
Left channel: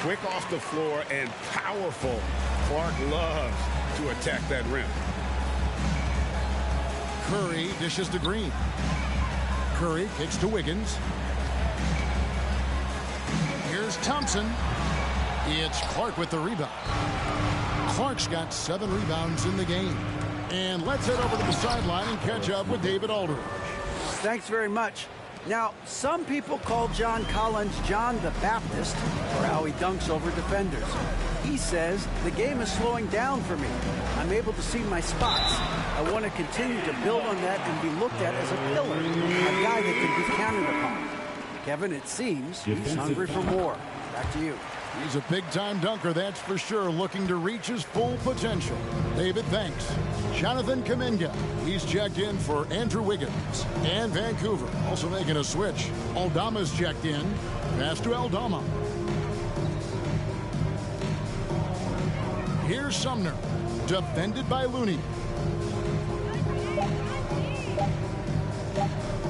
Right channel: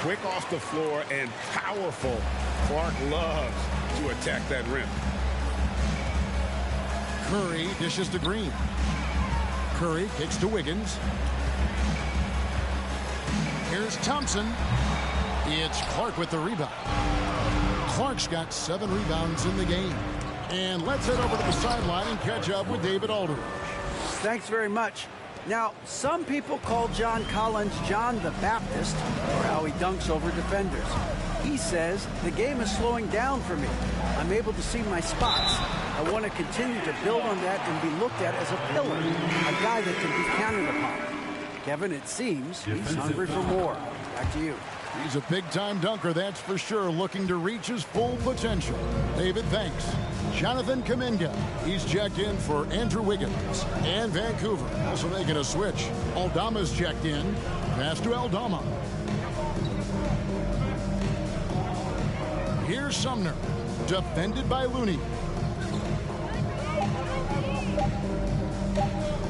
Quick off the floor and powerful. Clark loves to attack that rim. Curry dishes to Green. Curry kicks to Wiggins. Here's Thompson. It's Clark with the rebound. Clark's got 7 rebounds in the game. And let's head over to the sideline and catch up with David Aldridge. Thanks very much. Now, some people call John Collins John the Baptist for how he dunks over defenders. He says, the game is slowing down for me. I'm able to see my spots. I want to continue to build on that and be looked at as a pillar, a guy that can be counted upon. Kevin, it seems he's hungry for more. Back to you. He's a big-time dunker, that's for sure, looking to reach his full potential. David, thanks. Jonathan Kuminga, he's checked in for Andrew Wiggins. And Vancouver, also making a switch. Aldama's checked in. Pass to Aldama. Here's Sumner, defended by Looney.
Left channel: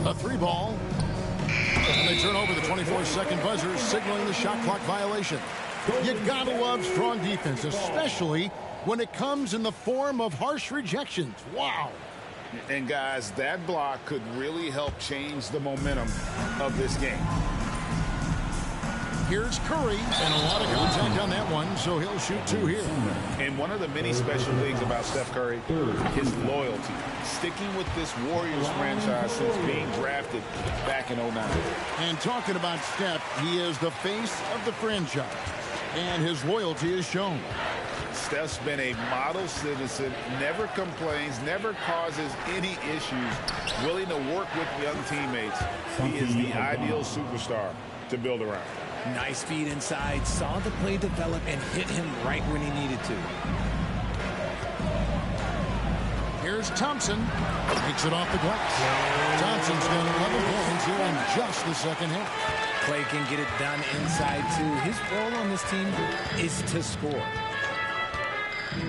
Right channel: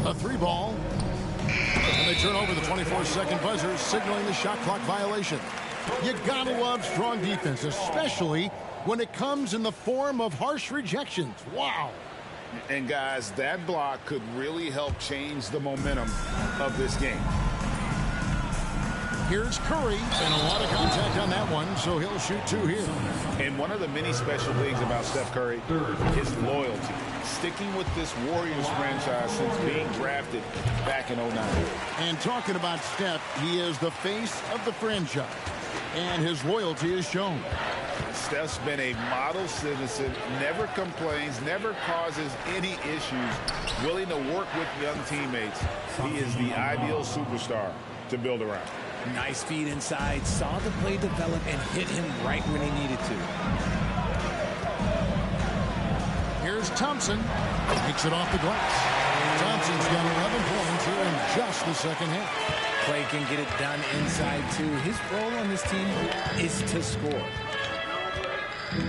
A 3-ball. And they turn over the 24-second buzzer, signaling the shot clock violation. You gotta love strong defense, especially when it comes in the form of harsh rejections. Wow. And guys, that block could really help change the momentum of this game. Here's Curry, and a lot of contact on that one, so he'll shoot 2 here. And one of the many special things about Steph Curry, his loyalty. Sticking with this Warriors franchise since being drafted back in 2009. And talking about Steph, he is the face of the franchise, and his loyalty is shown. Steph's been a model citizen, never complains, never causes any issues, willing to work with young teammates. He is the ideal superstar to build around. Nice feed inside, saw the play develop and hit him right when he needed to. Here's Thompson. Makes it off the glass. Thompson's got 11 points here in just the second half. Clay can get it done inside too. His role on this team is to score.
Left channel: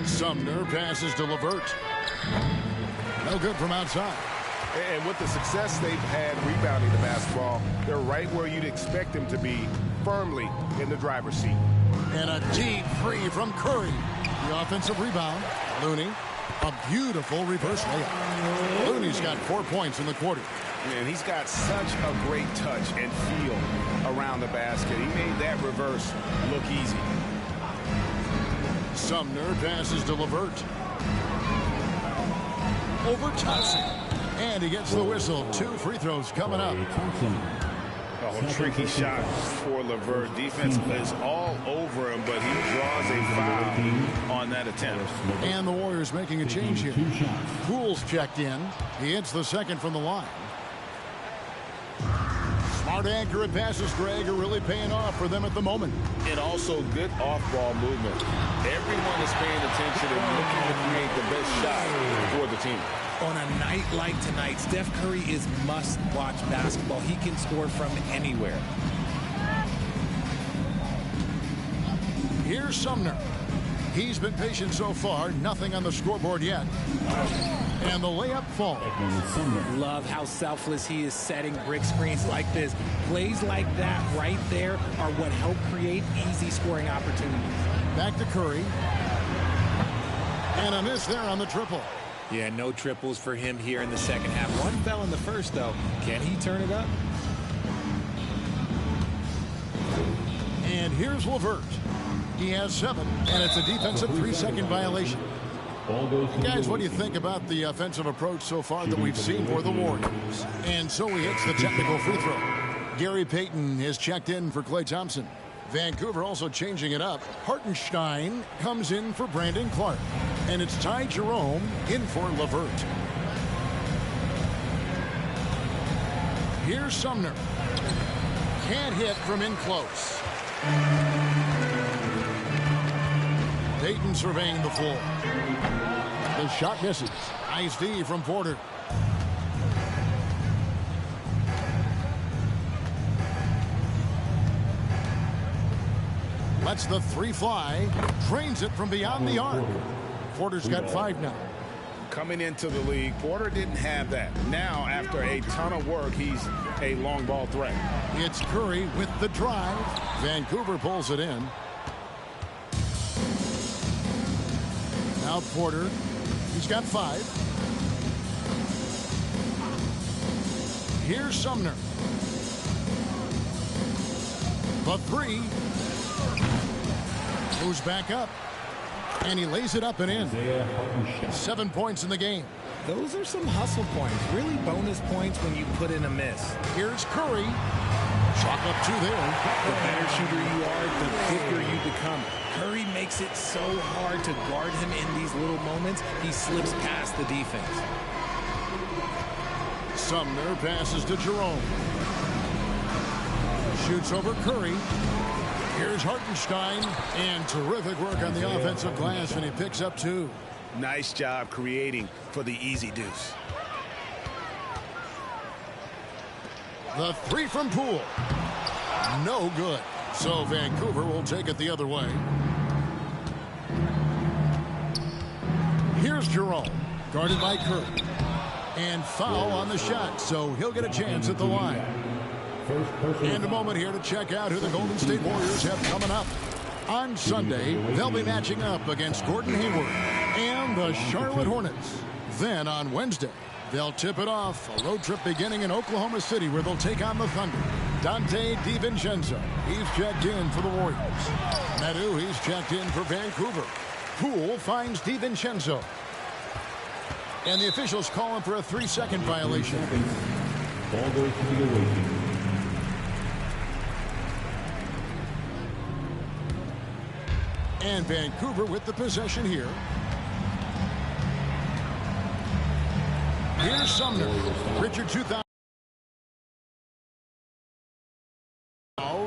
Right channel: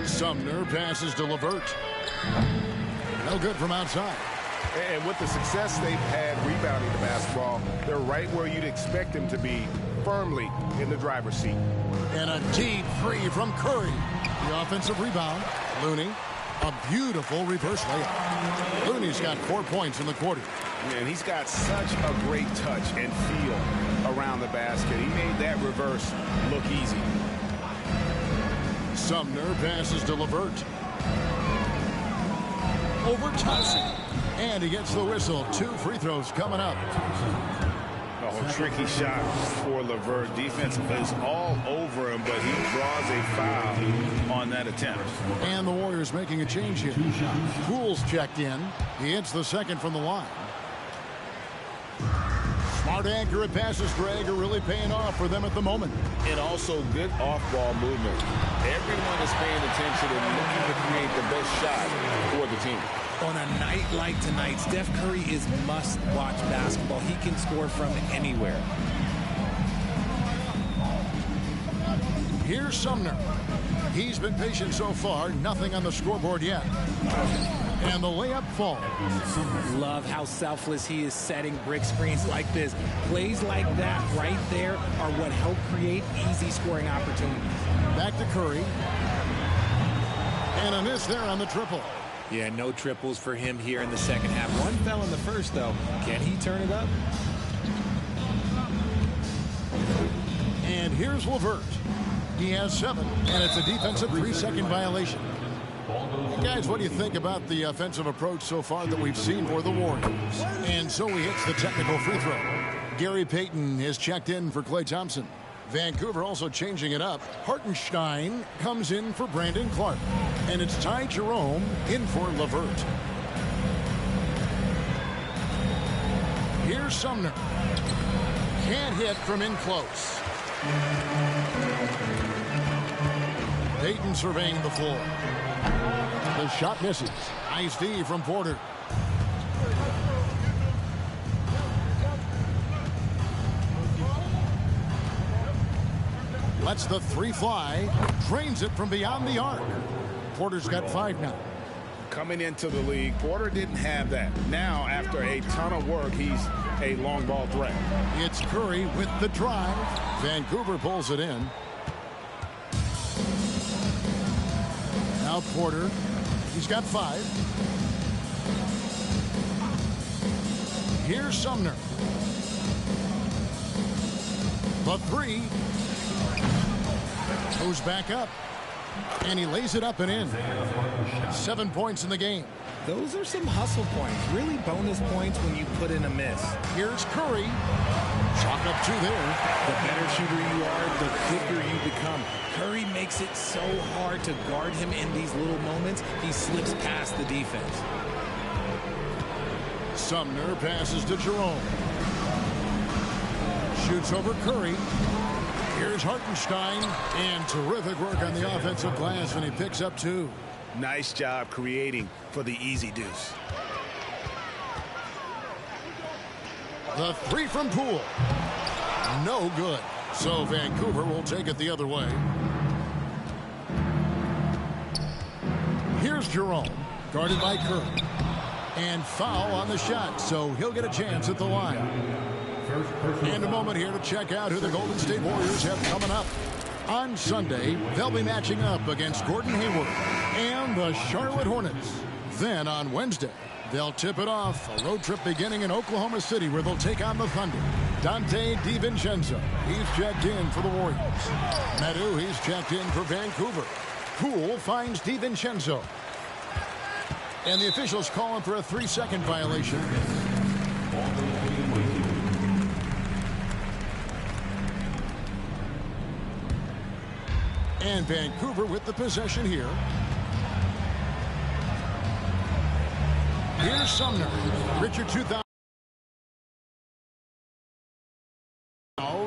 Sumner passes to LeVert. No good from outside. And with the success they've had rebounding the basketball, they're right where you'd expect them to be, firmly in the driver's seat. And a deep 3 from Curry. The offensive rebound. Looney. A beautiful reverse layup. Looney's got 4 points in the quarter. And he's got such a great touch and feel around the basket. He made that reverse look easy. Sumner passes to LeVert. Over Thompson. And he gets the whistle. 2 free throws coming up. Oh, tricky shot for LeVert. Defense is all over him, but he draws a foul on that attempt. And the Warriors making a change here. Poole's checked in. He hits the second from the line. Smart, accurate passes, Greg, are really paying off for them at the moment. And also good off-ball movement. Everyone is paying attention and looking to create the best shot for the team. On a night like tonight, Steph Curry is must-watch basketball. He can score from anywhere. Here's Sumner. He's been patient so far. Nothing on the scoreboard yet. And the layup falls. Love how selfless he is setting brick screens like this. Plays like that right there are what help create easy scoring opportunities. Back to Curry. And a miss there on the triple. Yeah, no triples for him here in the second half. One fell in the first, though. Can he turn it up? And here's LeVert. He has 7, and it's a defensive 3-second violation. Guys, what do you think about the offensive approach so far that we've seen for the Warriors? And so he hits the technical free throw. Gary Payton has checked in for Klay Thompson. Vancouver also changing it up. Hartenstein comes in for Brandon Clark. And it's Ty Jerome in for LeVert. Here's Sumner. Can't hit from in close. Payton surveying the floor. The shot misses. Nice D from Porter. Lets the 3 fly. Drains it from beyond the arc. Porter's got 5 now. Coming into the league, Porter didn't have that. Now, after a ton of work, he's a long ball threat. It's Curry with the drive. Vancouver pulls it in. Now Porter. He's got 5. Here's Sumner. The 3. Goes back up. And he lays it up and in. 7 points in the game. Those are some hustle points. Really bonus points when you put in a miss. Here's Curry. Chalk up 2 there. The better shooter you are, the quicker you become. Curry makes it so hard to guard him in these little moments. He slips past the defense. Sumner passes to Jerome. Shoots over Curry. Here's Hartenstein. And terrific work on the offensive glass, and he picks up 2. Nice job creating for the easy deuce. The 3 from Poole. No good. So Vancouver will take it the other way. Here's Jerome. Guarded by Curry. And foul on the shot. So he'll get a chance at the line. And a moment here to check out who the Golden State Warriors have coming up. On Sunday, they'll be matching up against Gordon Hayward and the Charlotte Hornets. Then on Wednesday, they'll tip it off, a road trip beginning in Oklahoma City where they'll take on the Thunder. Dante DiVincenzo, he's checked in for the Warriors. Medu, he's checked in for Vancouver. Poole finds DiVincenzo. And the officials call him for a 3-second violation. Ball goes to the away team. And Vancouver with the possession here. Here's Sumner. Richard 2000.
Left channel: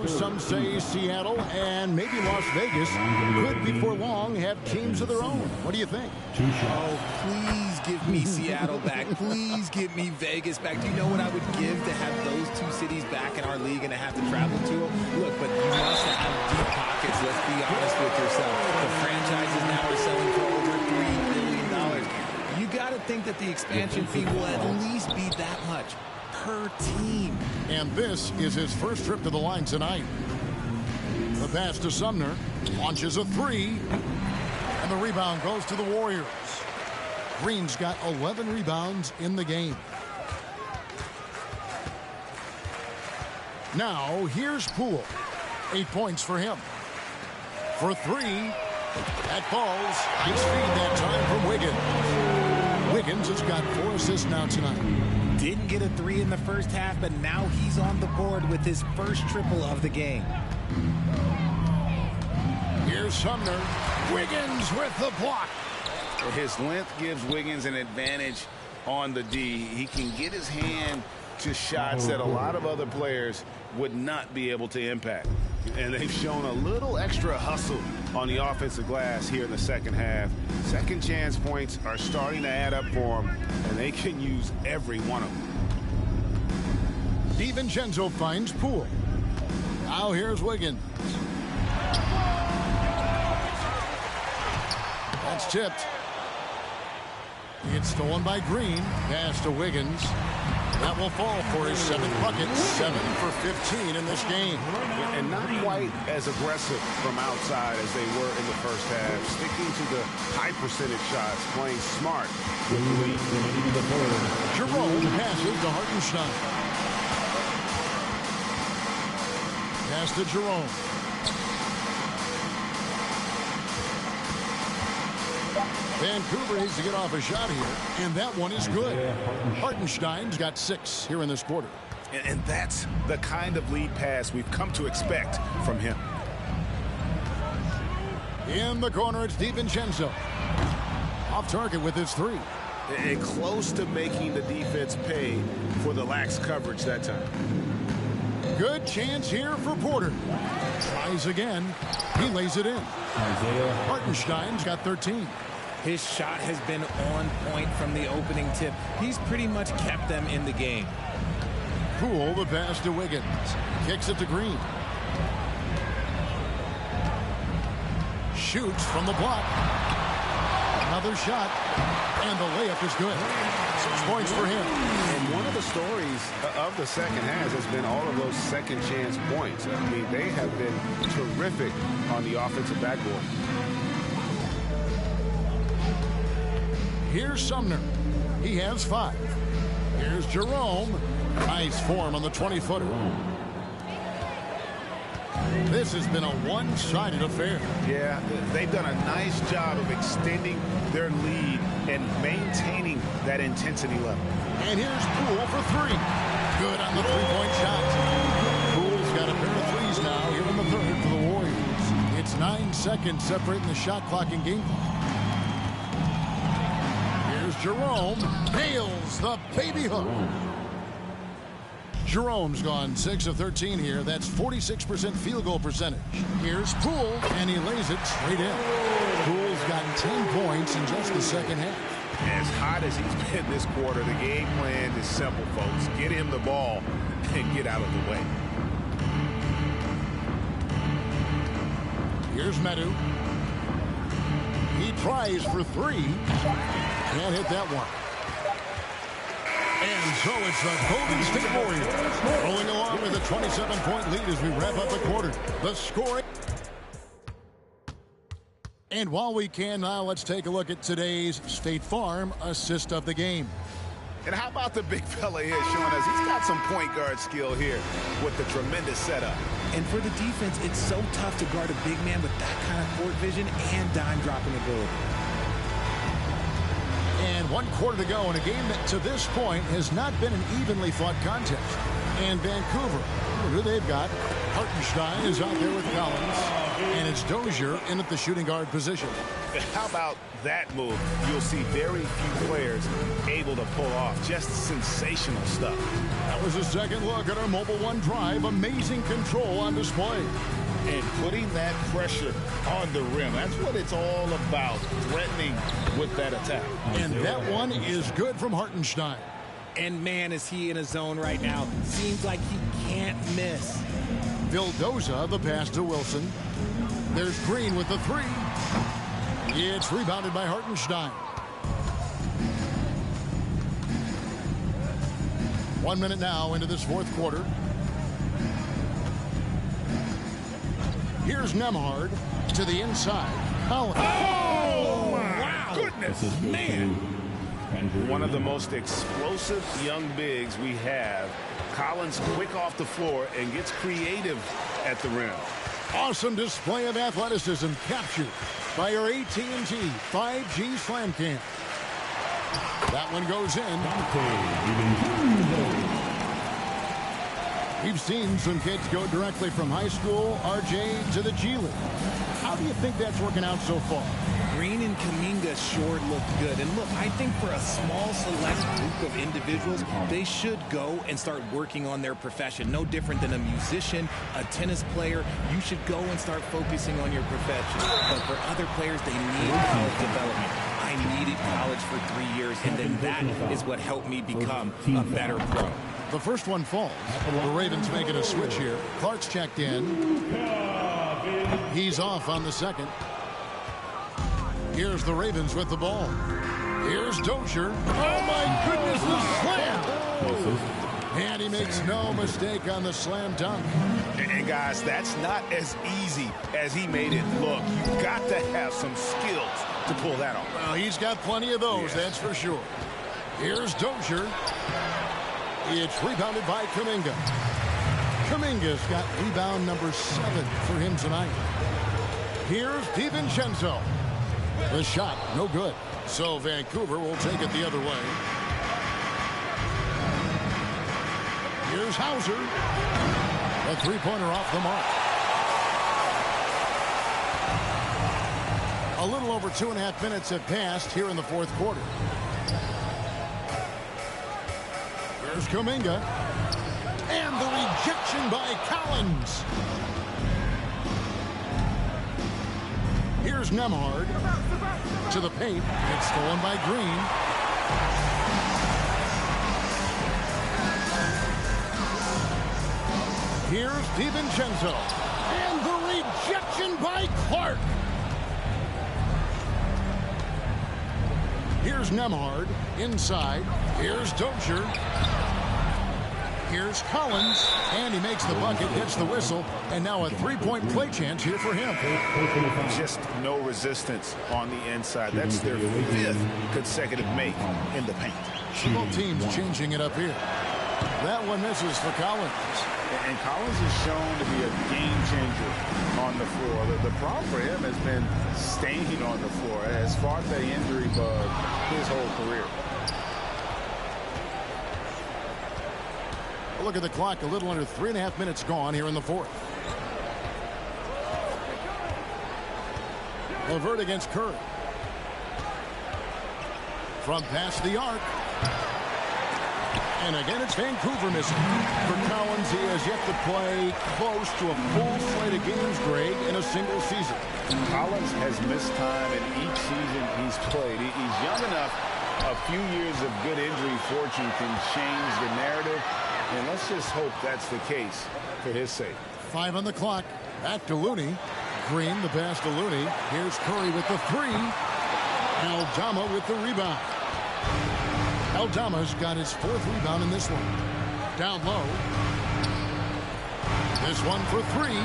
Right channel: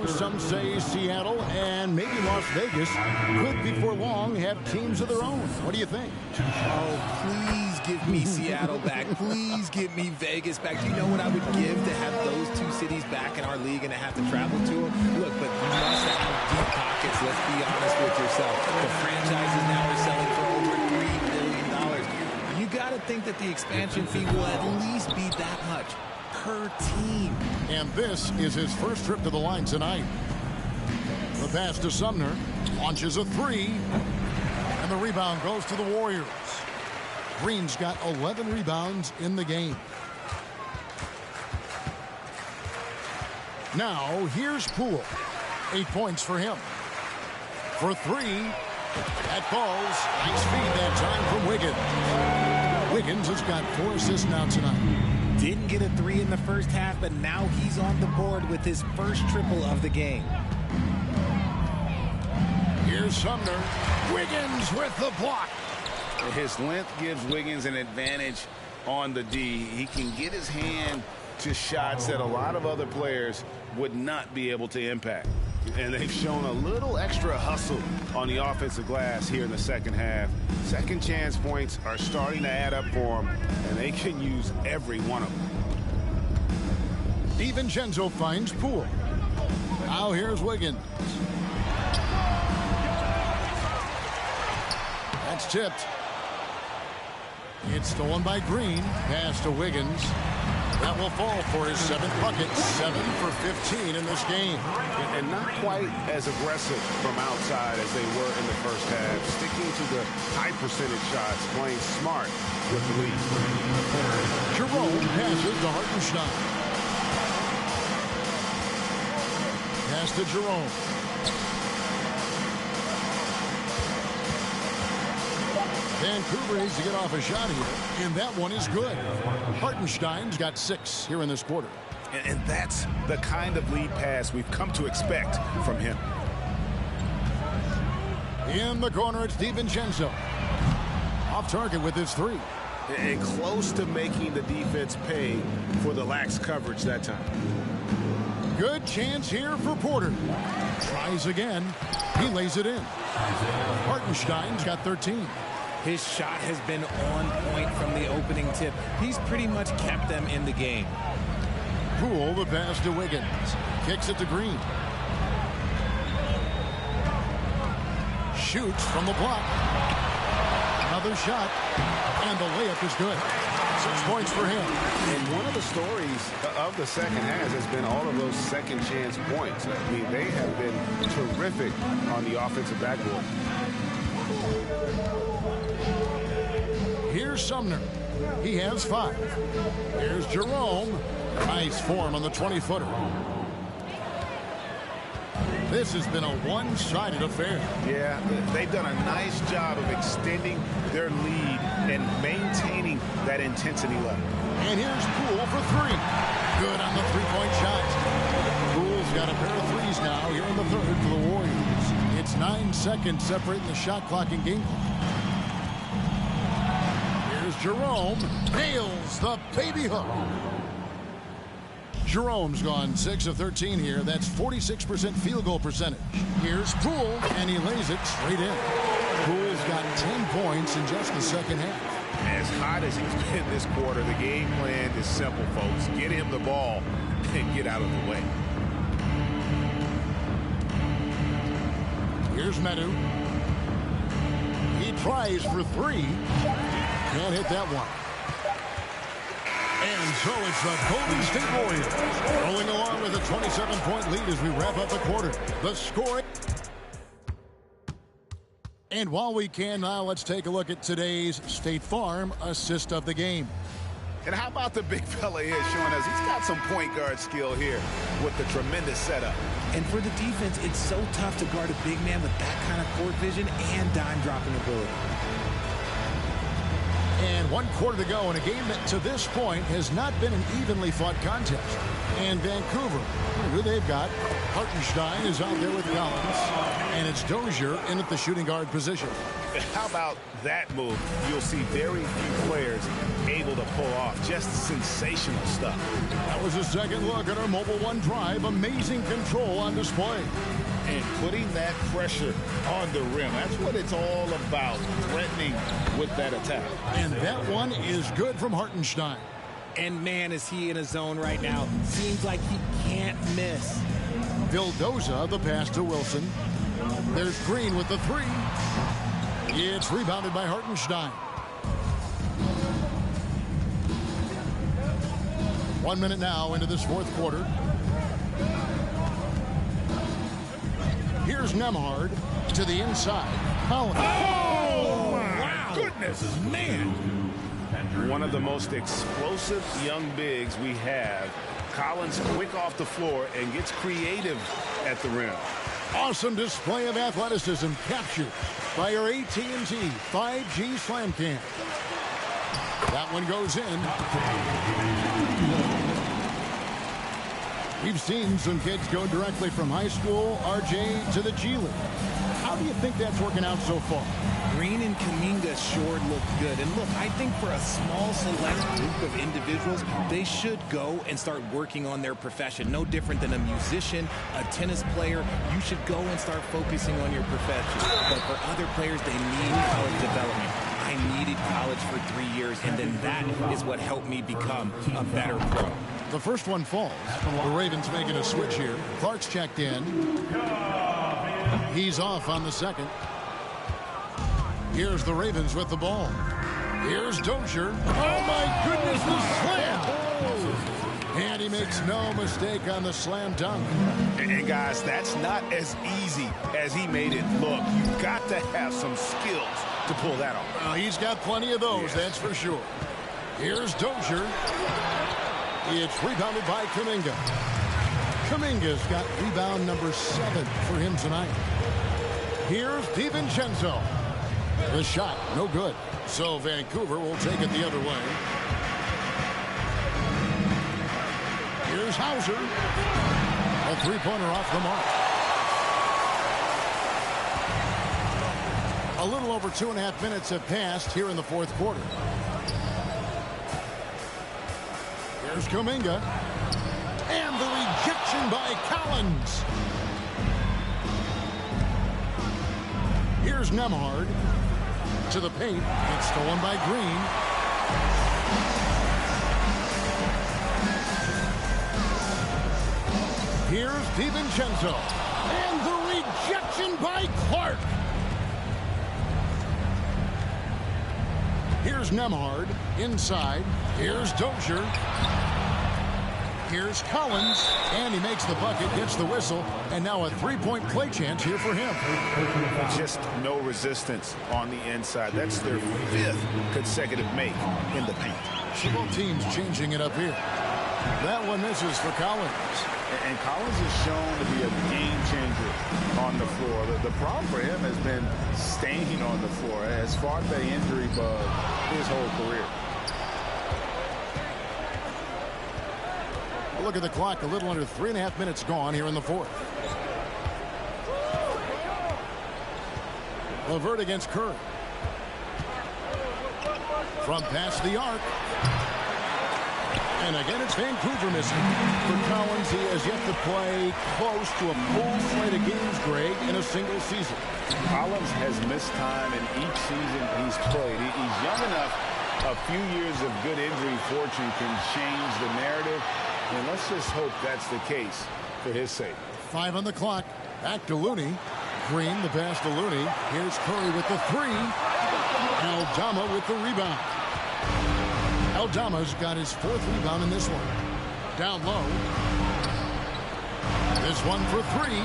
Some say Seattle and maybe Las Vegas could before long have teams of their own. What do you think? Oh, please give me Seattle back. Please give me Vegas back. Do you know what I would give to have those 2 cities back in our league and to have to travel to them? Look, but you must have deep pockets. Let's be honest with yourself. The franchises now are selling for over $3 billion. You got to think that the expansion fee will at least be that much per team. And this is his first trip to the line tonight. The pass to Sumner. Launches a 3. And the rebound goes to the Warriors. Green's got 11 rebounds in the game. Now, here's Poole. 8 points for him. For 3. That falls. Nice feed that time from Wiggins. Wiggins has got 4 assists now tonight. Didn't get a 3 in the first half, but now he's on the board with his first triple of the game. Here's Sumner. Wiggins with the block. His length gives Wiggins an advantage on the D. He can get his hand to shots that a lot of other players would not be able to impact. And they've shown a little extra hustle on the offensive glass here in the second half. Second chance points are starting to add up for them, and they can use every one of them. DiVincenzo finds Poole. Now here's Wiggins. That's tipped. It's stolen by Green. Pass to Wiggins. That will fall for his 7th bucket. 7 for 15 in this game. And not quite as aggressive from outside as they were in the first half. Sticking to the high percentage shots, playing smart with the lead. Jerome passes to Hartenstein. Pass to Jerome. Vancouver needs to get off a shot here, and that one is good. Hartenstein's got 6 here in this quarter. And that's the kind of lead pass we've come to expect from him. In the corner, it's DiVincenzo. Off target with his 3. And close to making the defense pay for the lax coverage that time. Good chance here for Porter. Tries again. He lays it in. Hartenstein's got 13. His shot has been on point from the opening tip. He's pretty much kept them in the game. Poole, the pass to Wiggins. Kicks it to Green. Shoots from the block. Another shot. And the layup is good. 6 points for him. And one of the stories of the second half has been all of those second chance points. I mean, they have been terrific on the offensive backboard. Here's Sumner. He has 5. Here's Jerome. Nice form on the 20-footer. This has been a one-sided affair. Yeah, they've done a nice job of extending their lead and maintaining that intensity level. And here's Poole for 3. Good on the 3-point shot. Poole's got a pair of 3s now here in the 3rd for the Warriors. It's 9 seconds separating the shot clock and game clock. Here's Jerome. Nails the baby hook. Jerome's gone 6 of 13 here. That's 46% field goal percentage. Here's Poole, and he lays it straight in. Poole's got 10 points in just the second half. As hot as he's been this quarter, the game plan is simple, folks. Get him the ball and get out of the way. Here's Medu. He tries for 3. Can't hit that one. And so it's the Golden State Warriors rolling along with a 27-point lead as we wrap up the quarter. The scoring. And while we can now, let's take a look at today's State Farm assist of the game. And how about the big fella here showing us he's got some point guard skill here with the tremendous setup. And for the defense, it's so tough to guard a big man with that kind of court vision and dime dropping ability. And 1 quarter to go in a game that to this point has not been an evenly fought contest. And Vancouver, who they've got, Hartenstein is out there with Collins, and it's Dozier in at the shooting guard position. How about that move? You'll see very few players able to pull off just sensational stuff. That was a second look at our Mobile One drive. Amazing control on display. And putting that pressure on the rim. That's what it's all about, threatening with that attack. And that one is good from Hartenstein. And man, is he in a zone right now. Seems like he can't miss. Vildoza, the pass to Wilson. There's Green with the 3. It's rebounded by Hartenstein. 1 minute now into this 4th quarter. Here's Nembhard to the inside. Collins. Oh, my goodness, man. One of the most explosive young bigs we have. Collins quick off the floor and gets creative at the rim. Awesome display of athleticism captured by our AT&T 5G Slam Cam. That one goes in. We've seen some kids go directly from high school, RJ, to the G League. How do you think that's working out so far? Green and Kuminga sure look good. And look, I think for a small select group of individuals, they should go and start working on their profession. No different than a musician, a tennis player. You should go and start focusing on your profession. But for other players, they need college development. I needed college for 3 years, and then that is what helped me become a better pro. The first one falls. The Ravens making a switch here. Clark's checked in. He's off on the second. Here's the Ravens with the ball. Here's Dozier. Oh, my goodness, the slam! And he makes no mistake on the slam dunk. And guys, that's not as easy as he made it look. You've got to have some skills to pull that off. Well, he's got plenty of those, that's for sure. Here's Dozier. It's rebounded by Kuminga. Kuminga's got rebound number 7 for him tonight. Here's DiVincenzo. The shot, no good. So Vancouver will take it the other way. Here's Hauser. A three-pointer off the mark. A little over 2.5 minutes have passed here in the fourth quarter. Here's Kuminga. And the rejection by Collins. Here's Nembhard. To the paint. It's stolen by Green. Here's DiVincenzo. And the rejection by Clark. Here's Nembhard. Inside. Here's Dozier. Here's Collins. And he makes the bucket, gets the whistle, and now a three-point play chance here for him. Just no resistance on the inside. That's their 5th consecutive make in the paint. So both teams changing it up here. That one misses for Collins. And Collins is shown to be a game changer on the floor. The problem for him has been staying on the floor. Has fought the injury bug his whole career. A look at the clock. A little under 3.5 minutes gone here in the fourth. LeVert against Curry. From past the arc. And again, it's Vancouver missing. For Collins, he has yet to play close to a full slate of games, Greg, in a single season. Collins has missed time in each season he's played. He's young enough. A few years of good injury fortune can change the narrative. And let's just hope that's the case for his sake. 5 on the clock. Back to Looney. Green, the pass to Looney. Here's Curry with the 3. Aldama with the rebound. Aldama's got his 4th rebound in this one. Down low. This one for 3.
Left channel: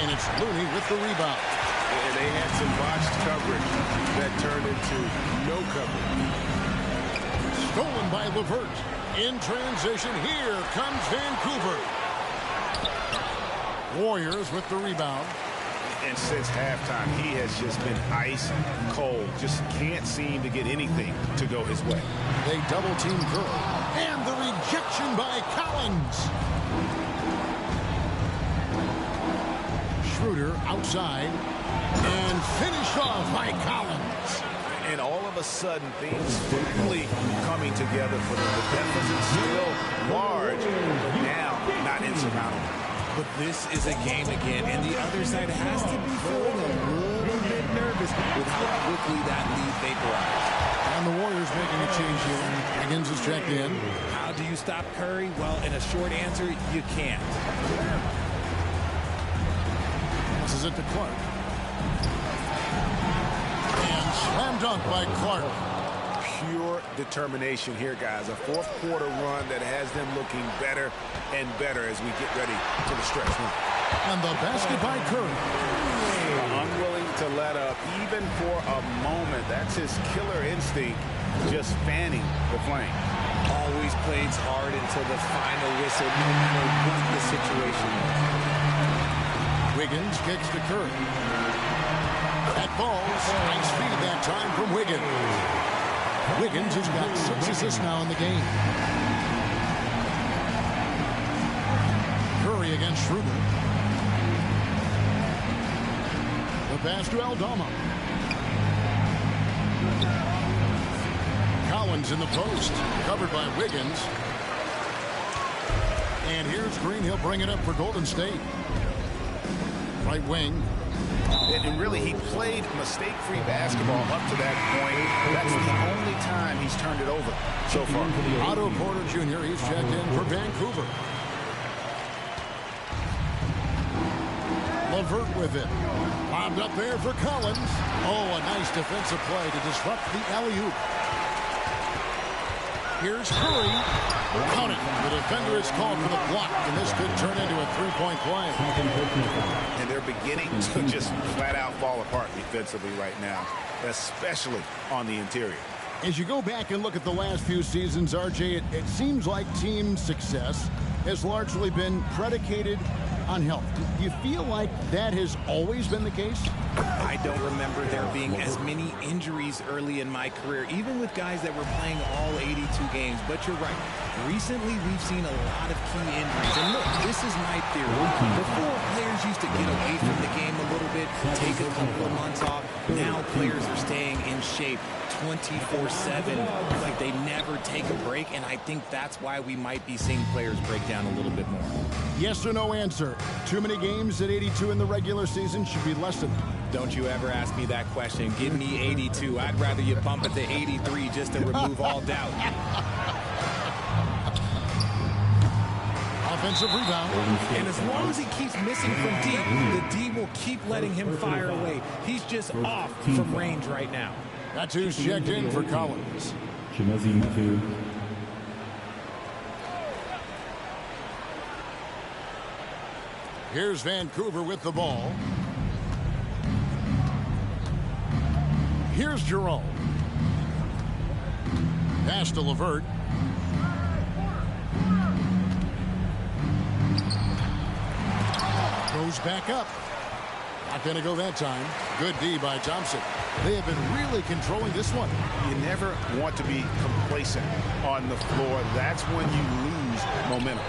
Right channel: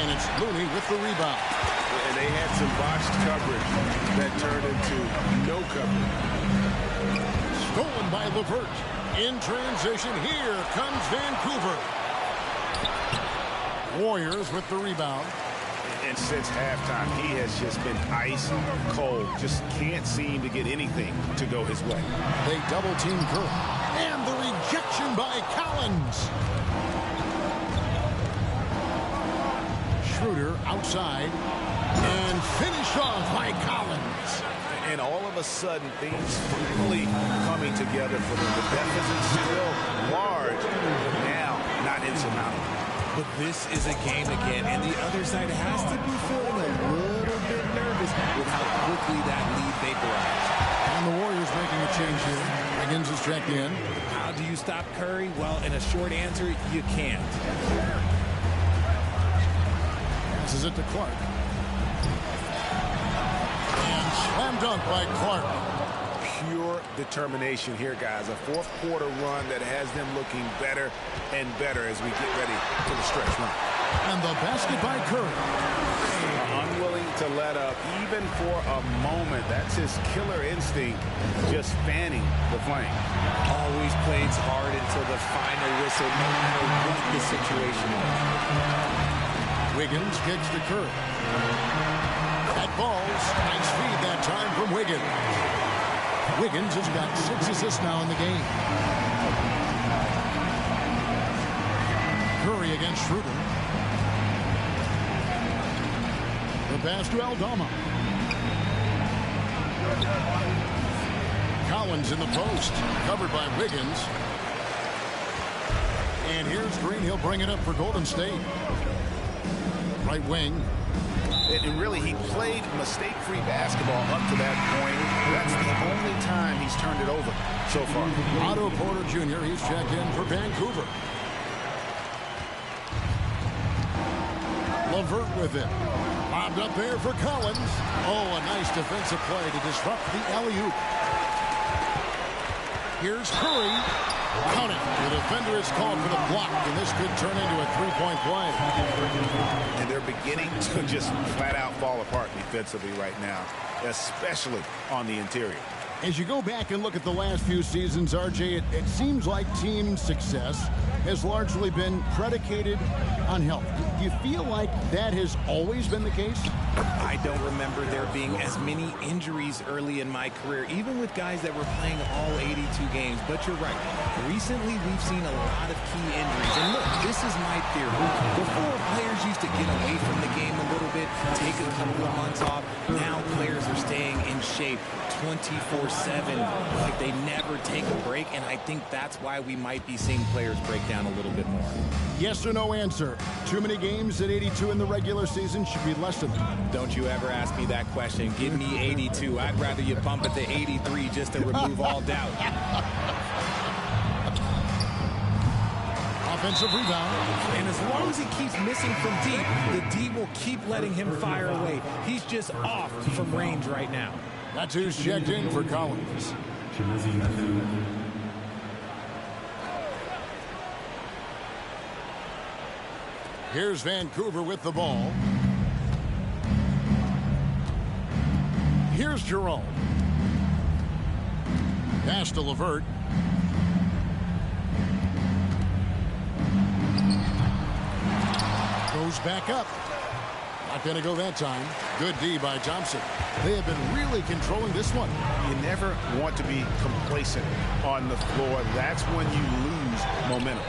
And it's Looney with the rebound. And they had some botched coverage that turned into no coverage. Stolen by LeVert. In transition, here comes Vancouver. Warriors with the rebound. And since halftime, he has just been ice cold. Just can't seem to get anything to go his way. They double team Curry. And the rejection by Collins. Schroeder outside. And finished off by Collins. And all of a sudden, things finally coming together for them. The deficit still large, but now not insurmountable. But this is a game again, and the other side has to be feeling a little bit nervous with how quickly that lead vaporized. And the Warriors making a change here. Wiggins is checked in. How do you stop Curry? Well, in a short answer, you can't. Passes it to Clark. And slam dunk by Clark. Pure determination here, guys. A fourth quarter run that has them looking better and better as we get ready for the stretch run. And the basket by Curry. Unwilling to let up even for a moment. That's his killer instinct, just fanning the flame. Always plays hard until the final whistle, no matter what the situation is. Wiggins kicks to Curry. That falls. Nice feed that time from Wiggins. Wiggins has got 6 assists now in the game. Curry against Schroeder. The pass to Aldama. Collins in the post, covered by Wiggins. And here's Green. He'll bring it up for Golden State. Right wing. And really, he played mistake-free basketball up to that point. That's the only time he's turned it over so far. Otto Porter Jr., he's checked in for Vancouver. LeVert with it. Bobbed up there for Collins. Oh, a nice defensive play to disrupt the alley-oop. Here's Curry. Count it. The defender is called for the block, and this could turn into a three-point play. And they're beginning to just flat-out fall apart defensively right now, especially on the interior. As you go back and look at the last few seasons, RJ, it seems like team success has largely been predicated on health. Do you feel like that has always been the case? I don't remember there being as many injuries early in my career, even with guys that were playing all 82 games. But you're right. Recently, we've seen a lot of key injuries. And look, this is my theory. Before, players used to get away from the game a little bit, take a couple of months off. Now players are staying in shape 24/7, like they never take a break. And I think that's why we might be seeing players break down a little bit more. Yes or no answer. Too many games at 82 in the regular season should be less than that. Don't you ever ask me that question. Give me 82. I'd rather you bump it to 83 just to remove all doubt. Offensive rebound. And as long as he keeps missing from deep, the D will keep letting him fire away. He's just off from range right now. That's who's checked in for Collins. Here's Vancouver with the ball. Here's Jerome. Pass to LeVert. Goes back up. Not going to go that time. Good D by Thompson. They have been really controlling this one. You never want to be complacent on the floor. That's when you lose momentum.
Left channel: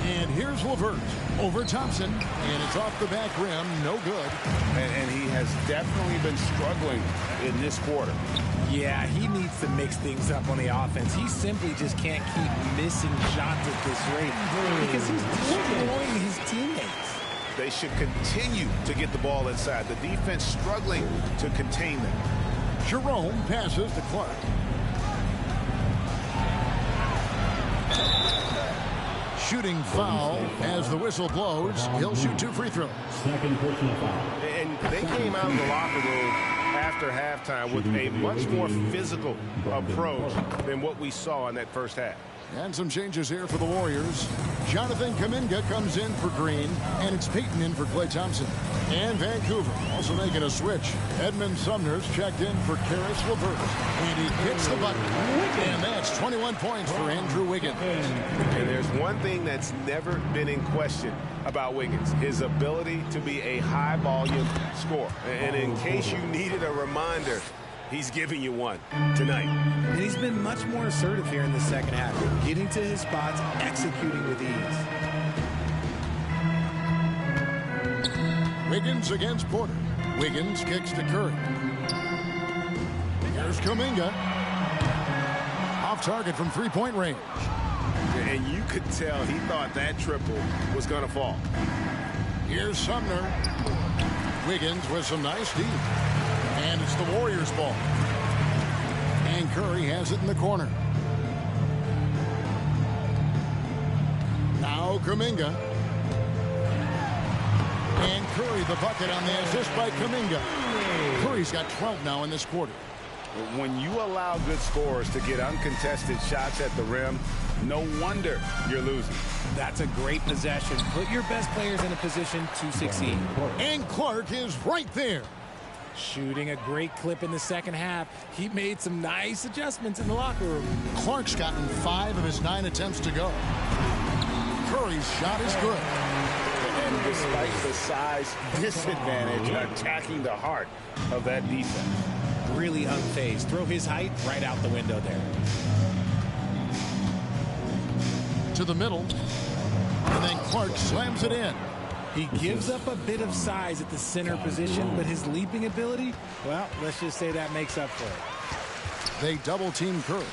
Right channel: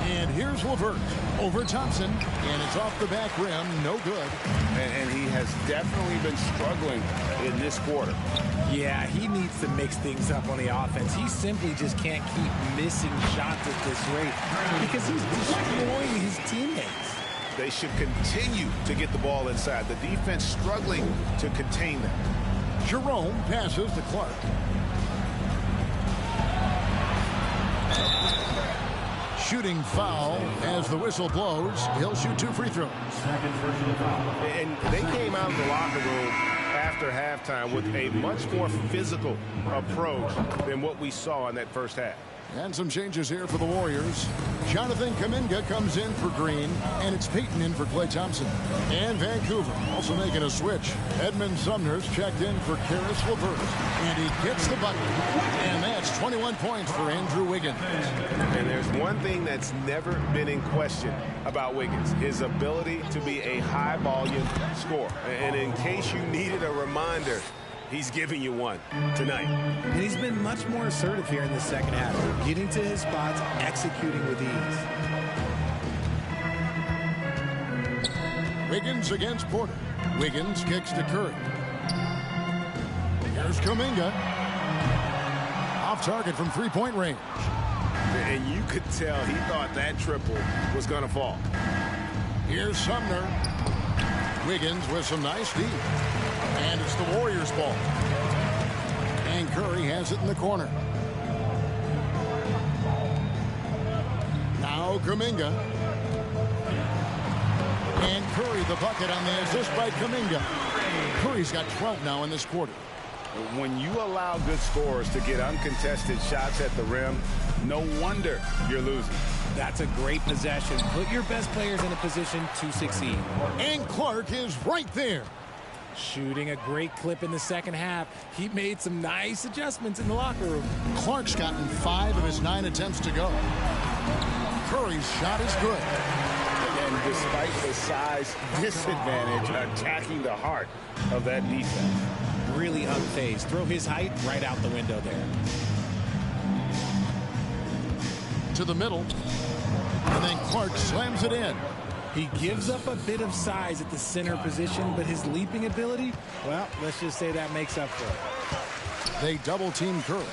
And here's LeVert over Thompson, and it's off the back rim, no good. And he has definitely been struggling in this quarter. Yeah, he needs to mix things up on the offense. He simply just can't keep missing shots at this rate because he's destroying his teammates. They should continue to get the ball inside. The defense struggling to contain them. Jerome passes to Clark. Shooting foul as the whistle blows. He'll shoot 2 free throws. Second personal foul. And they came out of the locker room after halftime with a much more physical approach than what we saw in that first half. And some changes here for the Warriors. Jonathan Kuminga comes in for Green, and it's Payton in for Klay Thompson. And Vancouver also making a switch. Edmund Sumner's checked in for Karis LeVert, and he gets the bucket. And that's 21 points for Andrew Wiggins. And there's one thing that's never been in question about Wiggins, his ability to be a high-volume scorer. And in case you needed a reminder, he's giving you one tonight. And he's been much more assertive here in the second half, getting to his spots, executing with ease. Wiggins against Porter. Wiggins kicks to Curry. Here's Kuminga. Off target from three-point range. And you could tell he thought that triple was going to fall. Here's Sumner. Wiggins with some nice D. And it's the Warriors' ball. And Curry has it in the corner. Now Kuminga. And Curry the bucket on the assist by Kuminga. Curry's got 12 now in this quarter. When you allow good scorers to get uncontested shots at the rim, no wonder you're losing. That's a great possession. Put your best players in a position to succeed. And Clark is right there. Shooting a great clip in the second half. He made some nice adjustments in the locker room. Clark's gotten 5 of his 9 attempts to go. Curry's shot is good. And despite the size disadvantage, attacking the heart of that defense. Really unfazed. Throw his height right out the window there. To the middle. And then Clark slams it in. He gives up a bit of size at the center position, but his leaping ability, well, let's just say that makes up for it. They double-team Curry.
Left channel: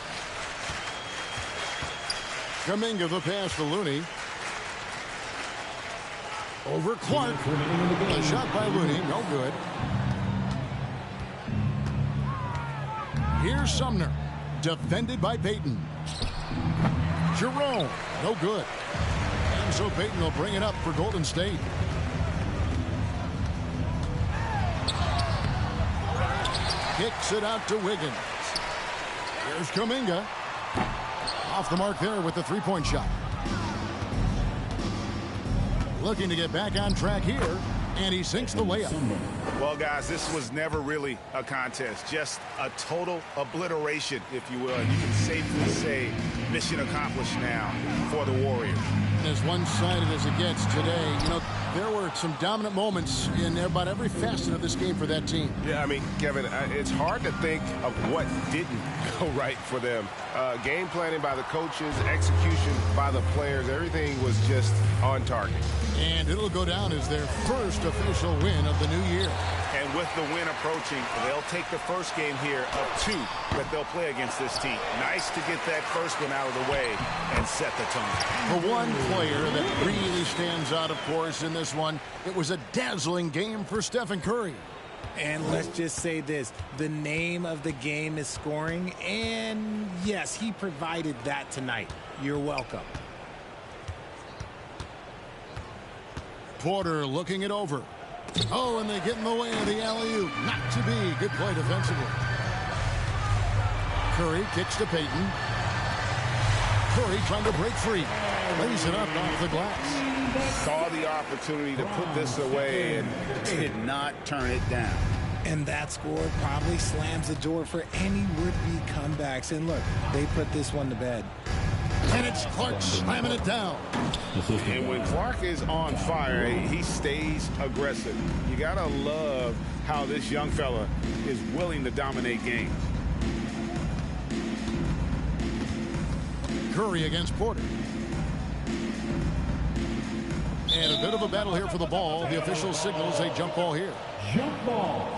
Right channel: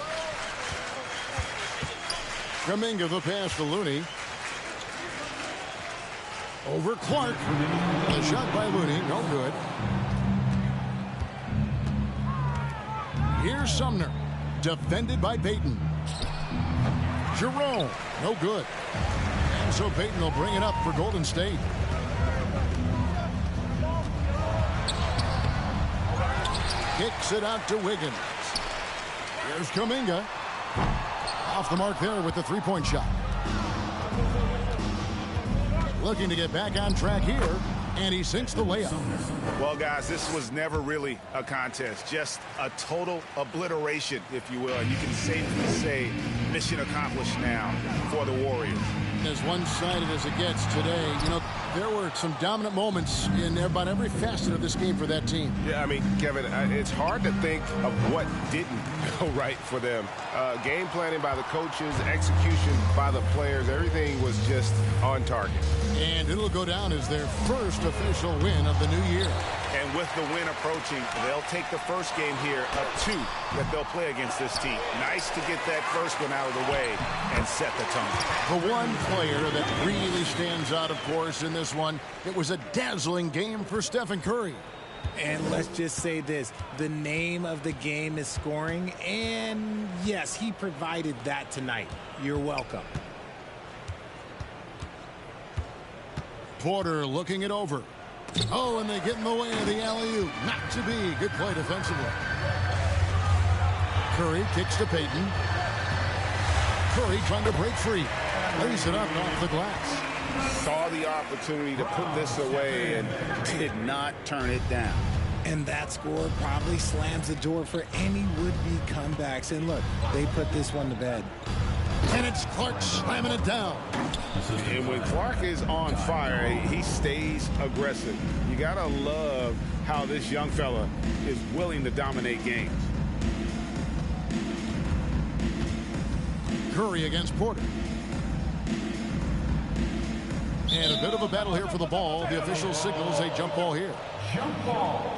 Kuminga the pass to Looney. Over Clark. The shot by Looney, no good. Here's Sumner. Defended by Payton. Jerome, no good. And so Payton will bring it up for Golden State. Kicks it out to Wiggins. Here's Kuminga. Off the mark there with the three-point shot. Looking to get back on track here, and he sinks the layup. Well, guys, this was never really a contest, just a total obliteration, if you will. And you can safely say mission accomplished now for the Warriors. As one-sided as it gets today, you know, there were some dominant moments in about every facet of this game for that team. Yeah, I mean, Kevin, it's hard to think of what didn't go right for them. Game planning by the coaches, execution by the players, everything was just on target. And it'll go down as their first official win of the new year. And with the win approaching, they'll take the first game here of 2 that they'll play against this team. Nice to get that first one out of the way and set the tone. The one player that really stands out, of course, in this one, it was a dazzling game for Stephen Curry. And let's just say this, the name of the game is scoring, and yes, he provided that tonight. You're welcome. Porter looking it over. Oh, and they get in the way of the alley-oop. Not to be. Good play defensively. Curry kicks to Payton. Curry trying to break free. Lays it up off the glass. Saw the opportunity to put this away and did not turn it down. And that score probably slams the door for any would-be comebacks. And look, they put this one to bed. And it's Clark slamming it down. And when Clark is on fire, he stays aggressive. You got to love how this young fella is willing to dominate games. Curry against Porter. And a bit of a battle here for the ball. The official signals a jump ball here. Jump ball.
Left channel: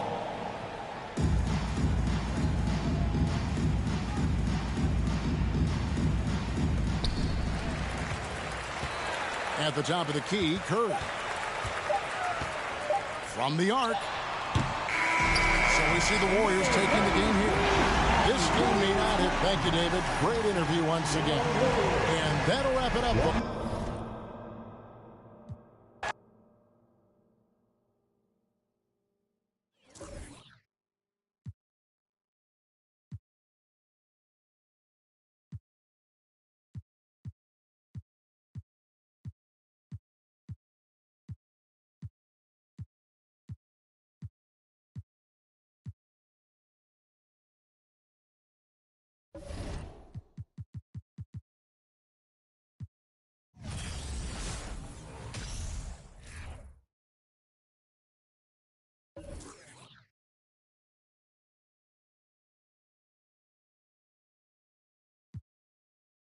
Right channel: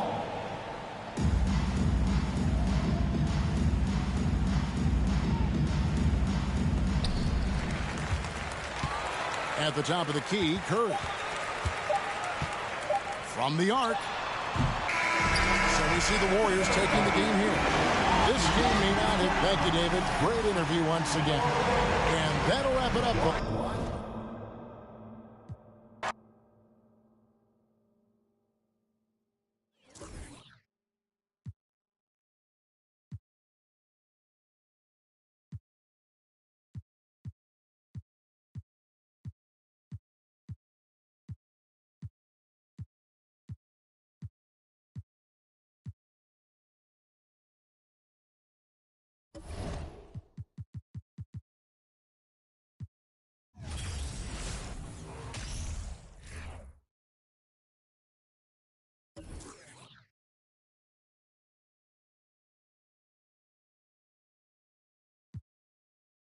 At the top of the key, Curry. From the arc. So we see the Warriors taking the game here. This game may not hit. Thank you, David. Great interview once again. And that'll wrap it up.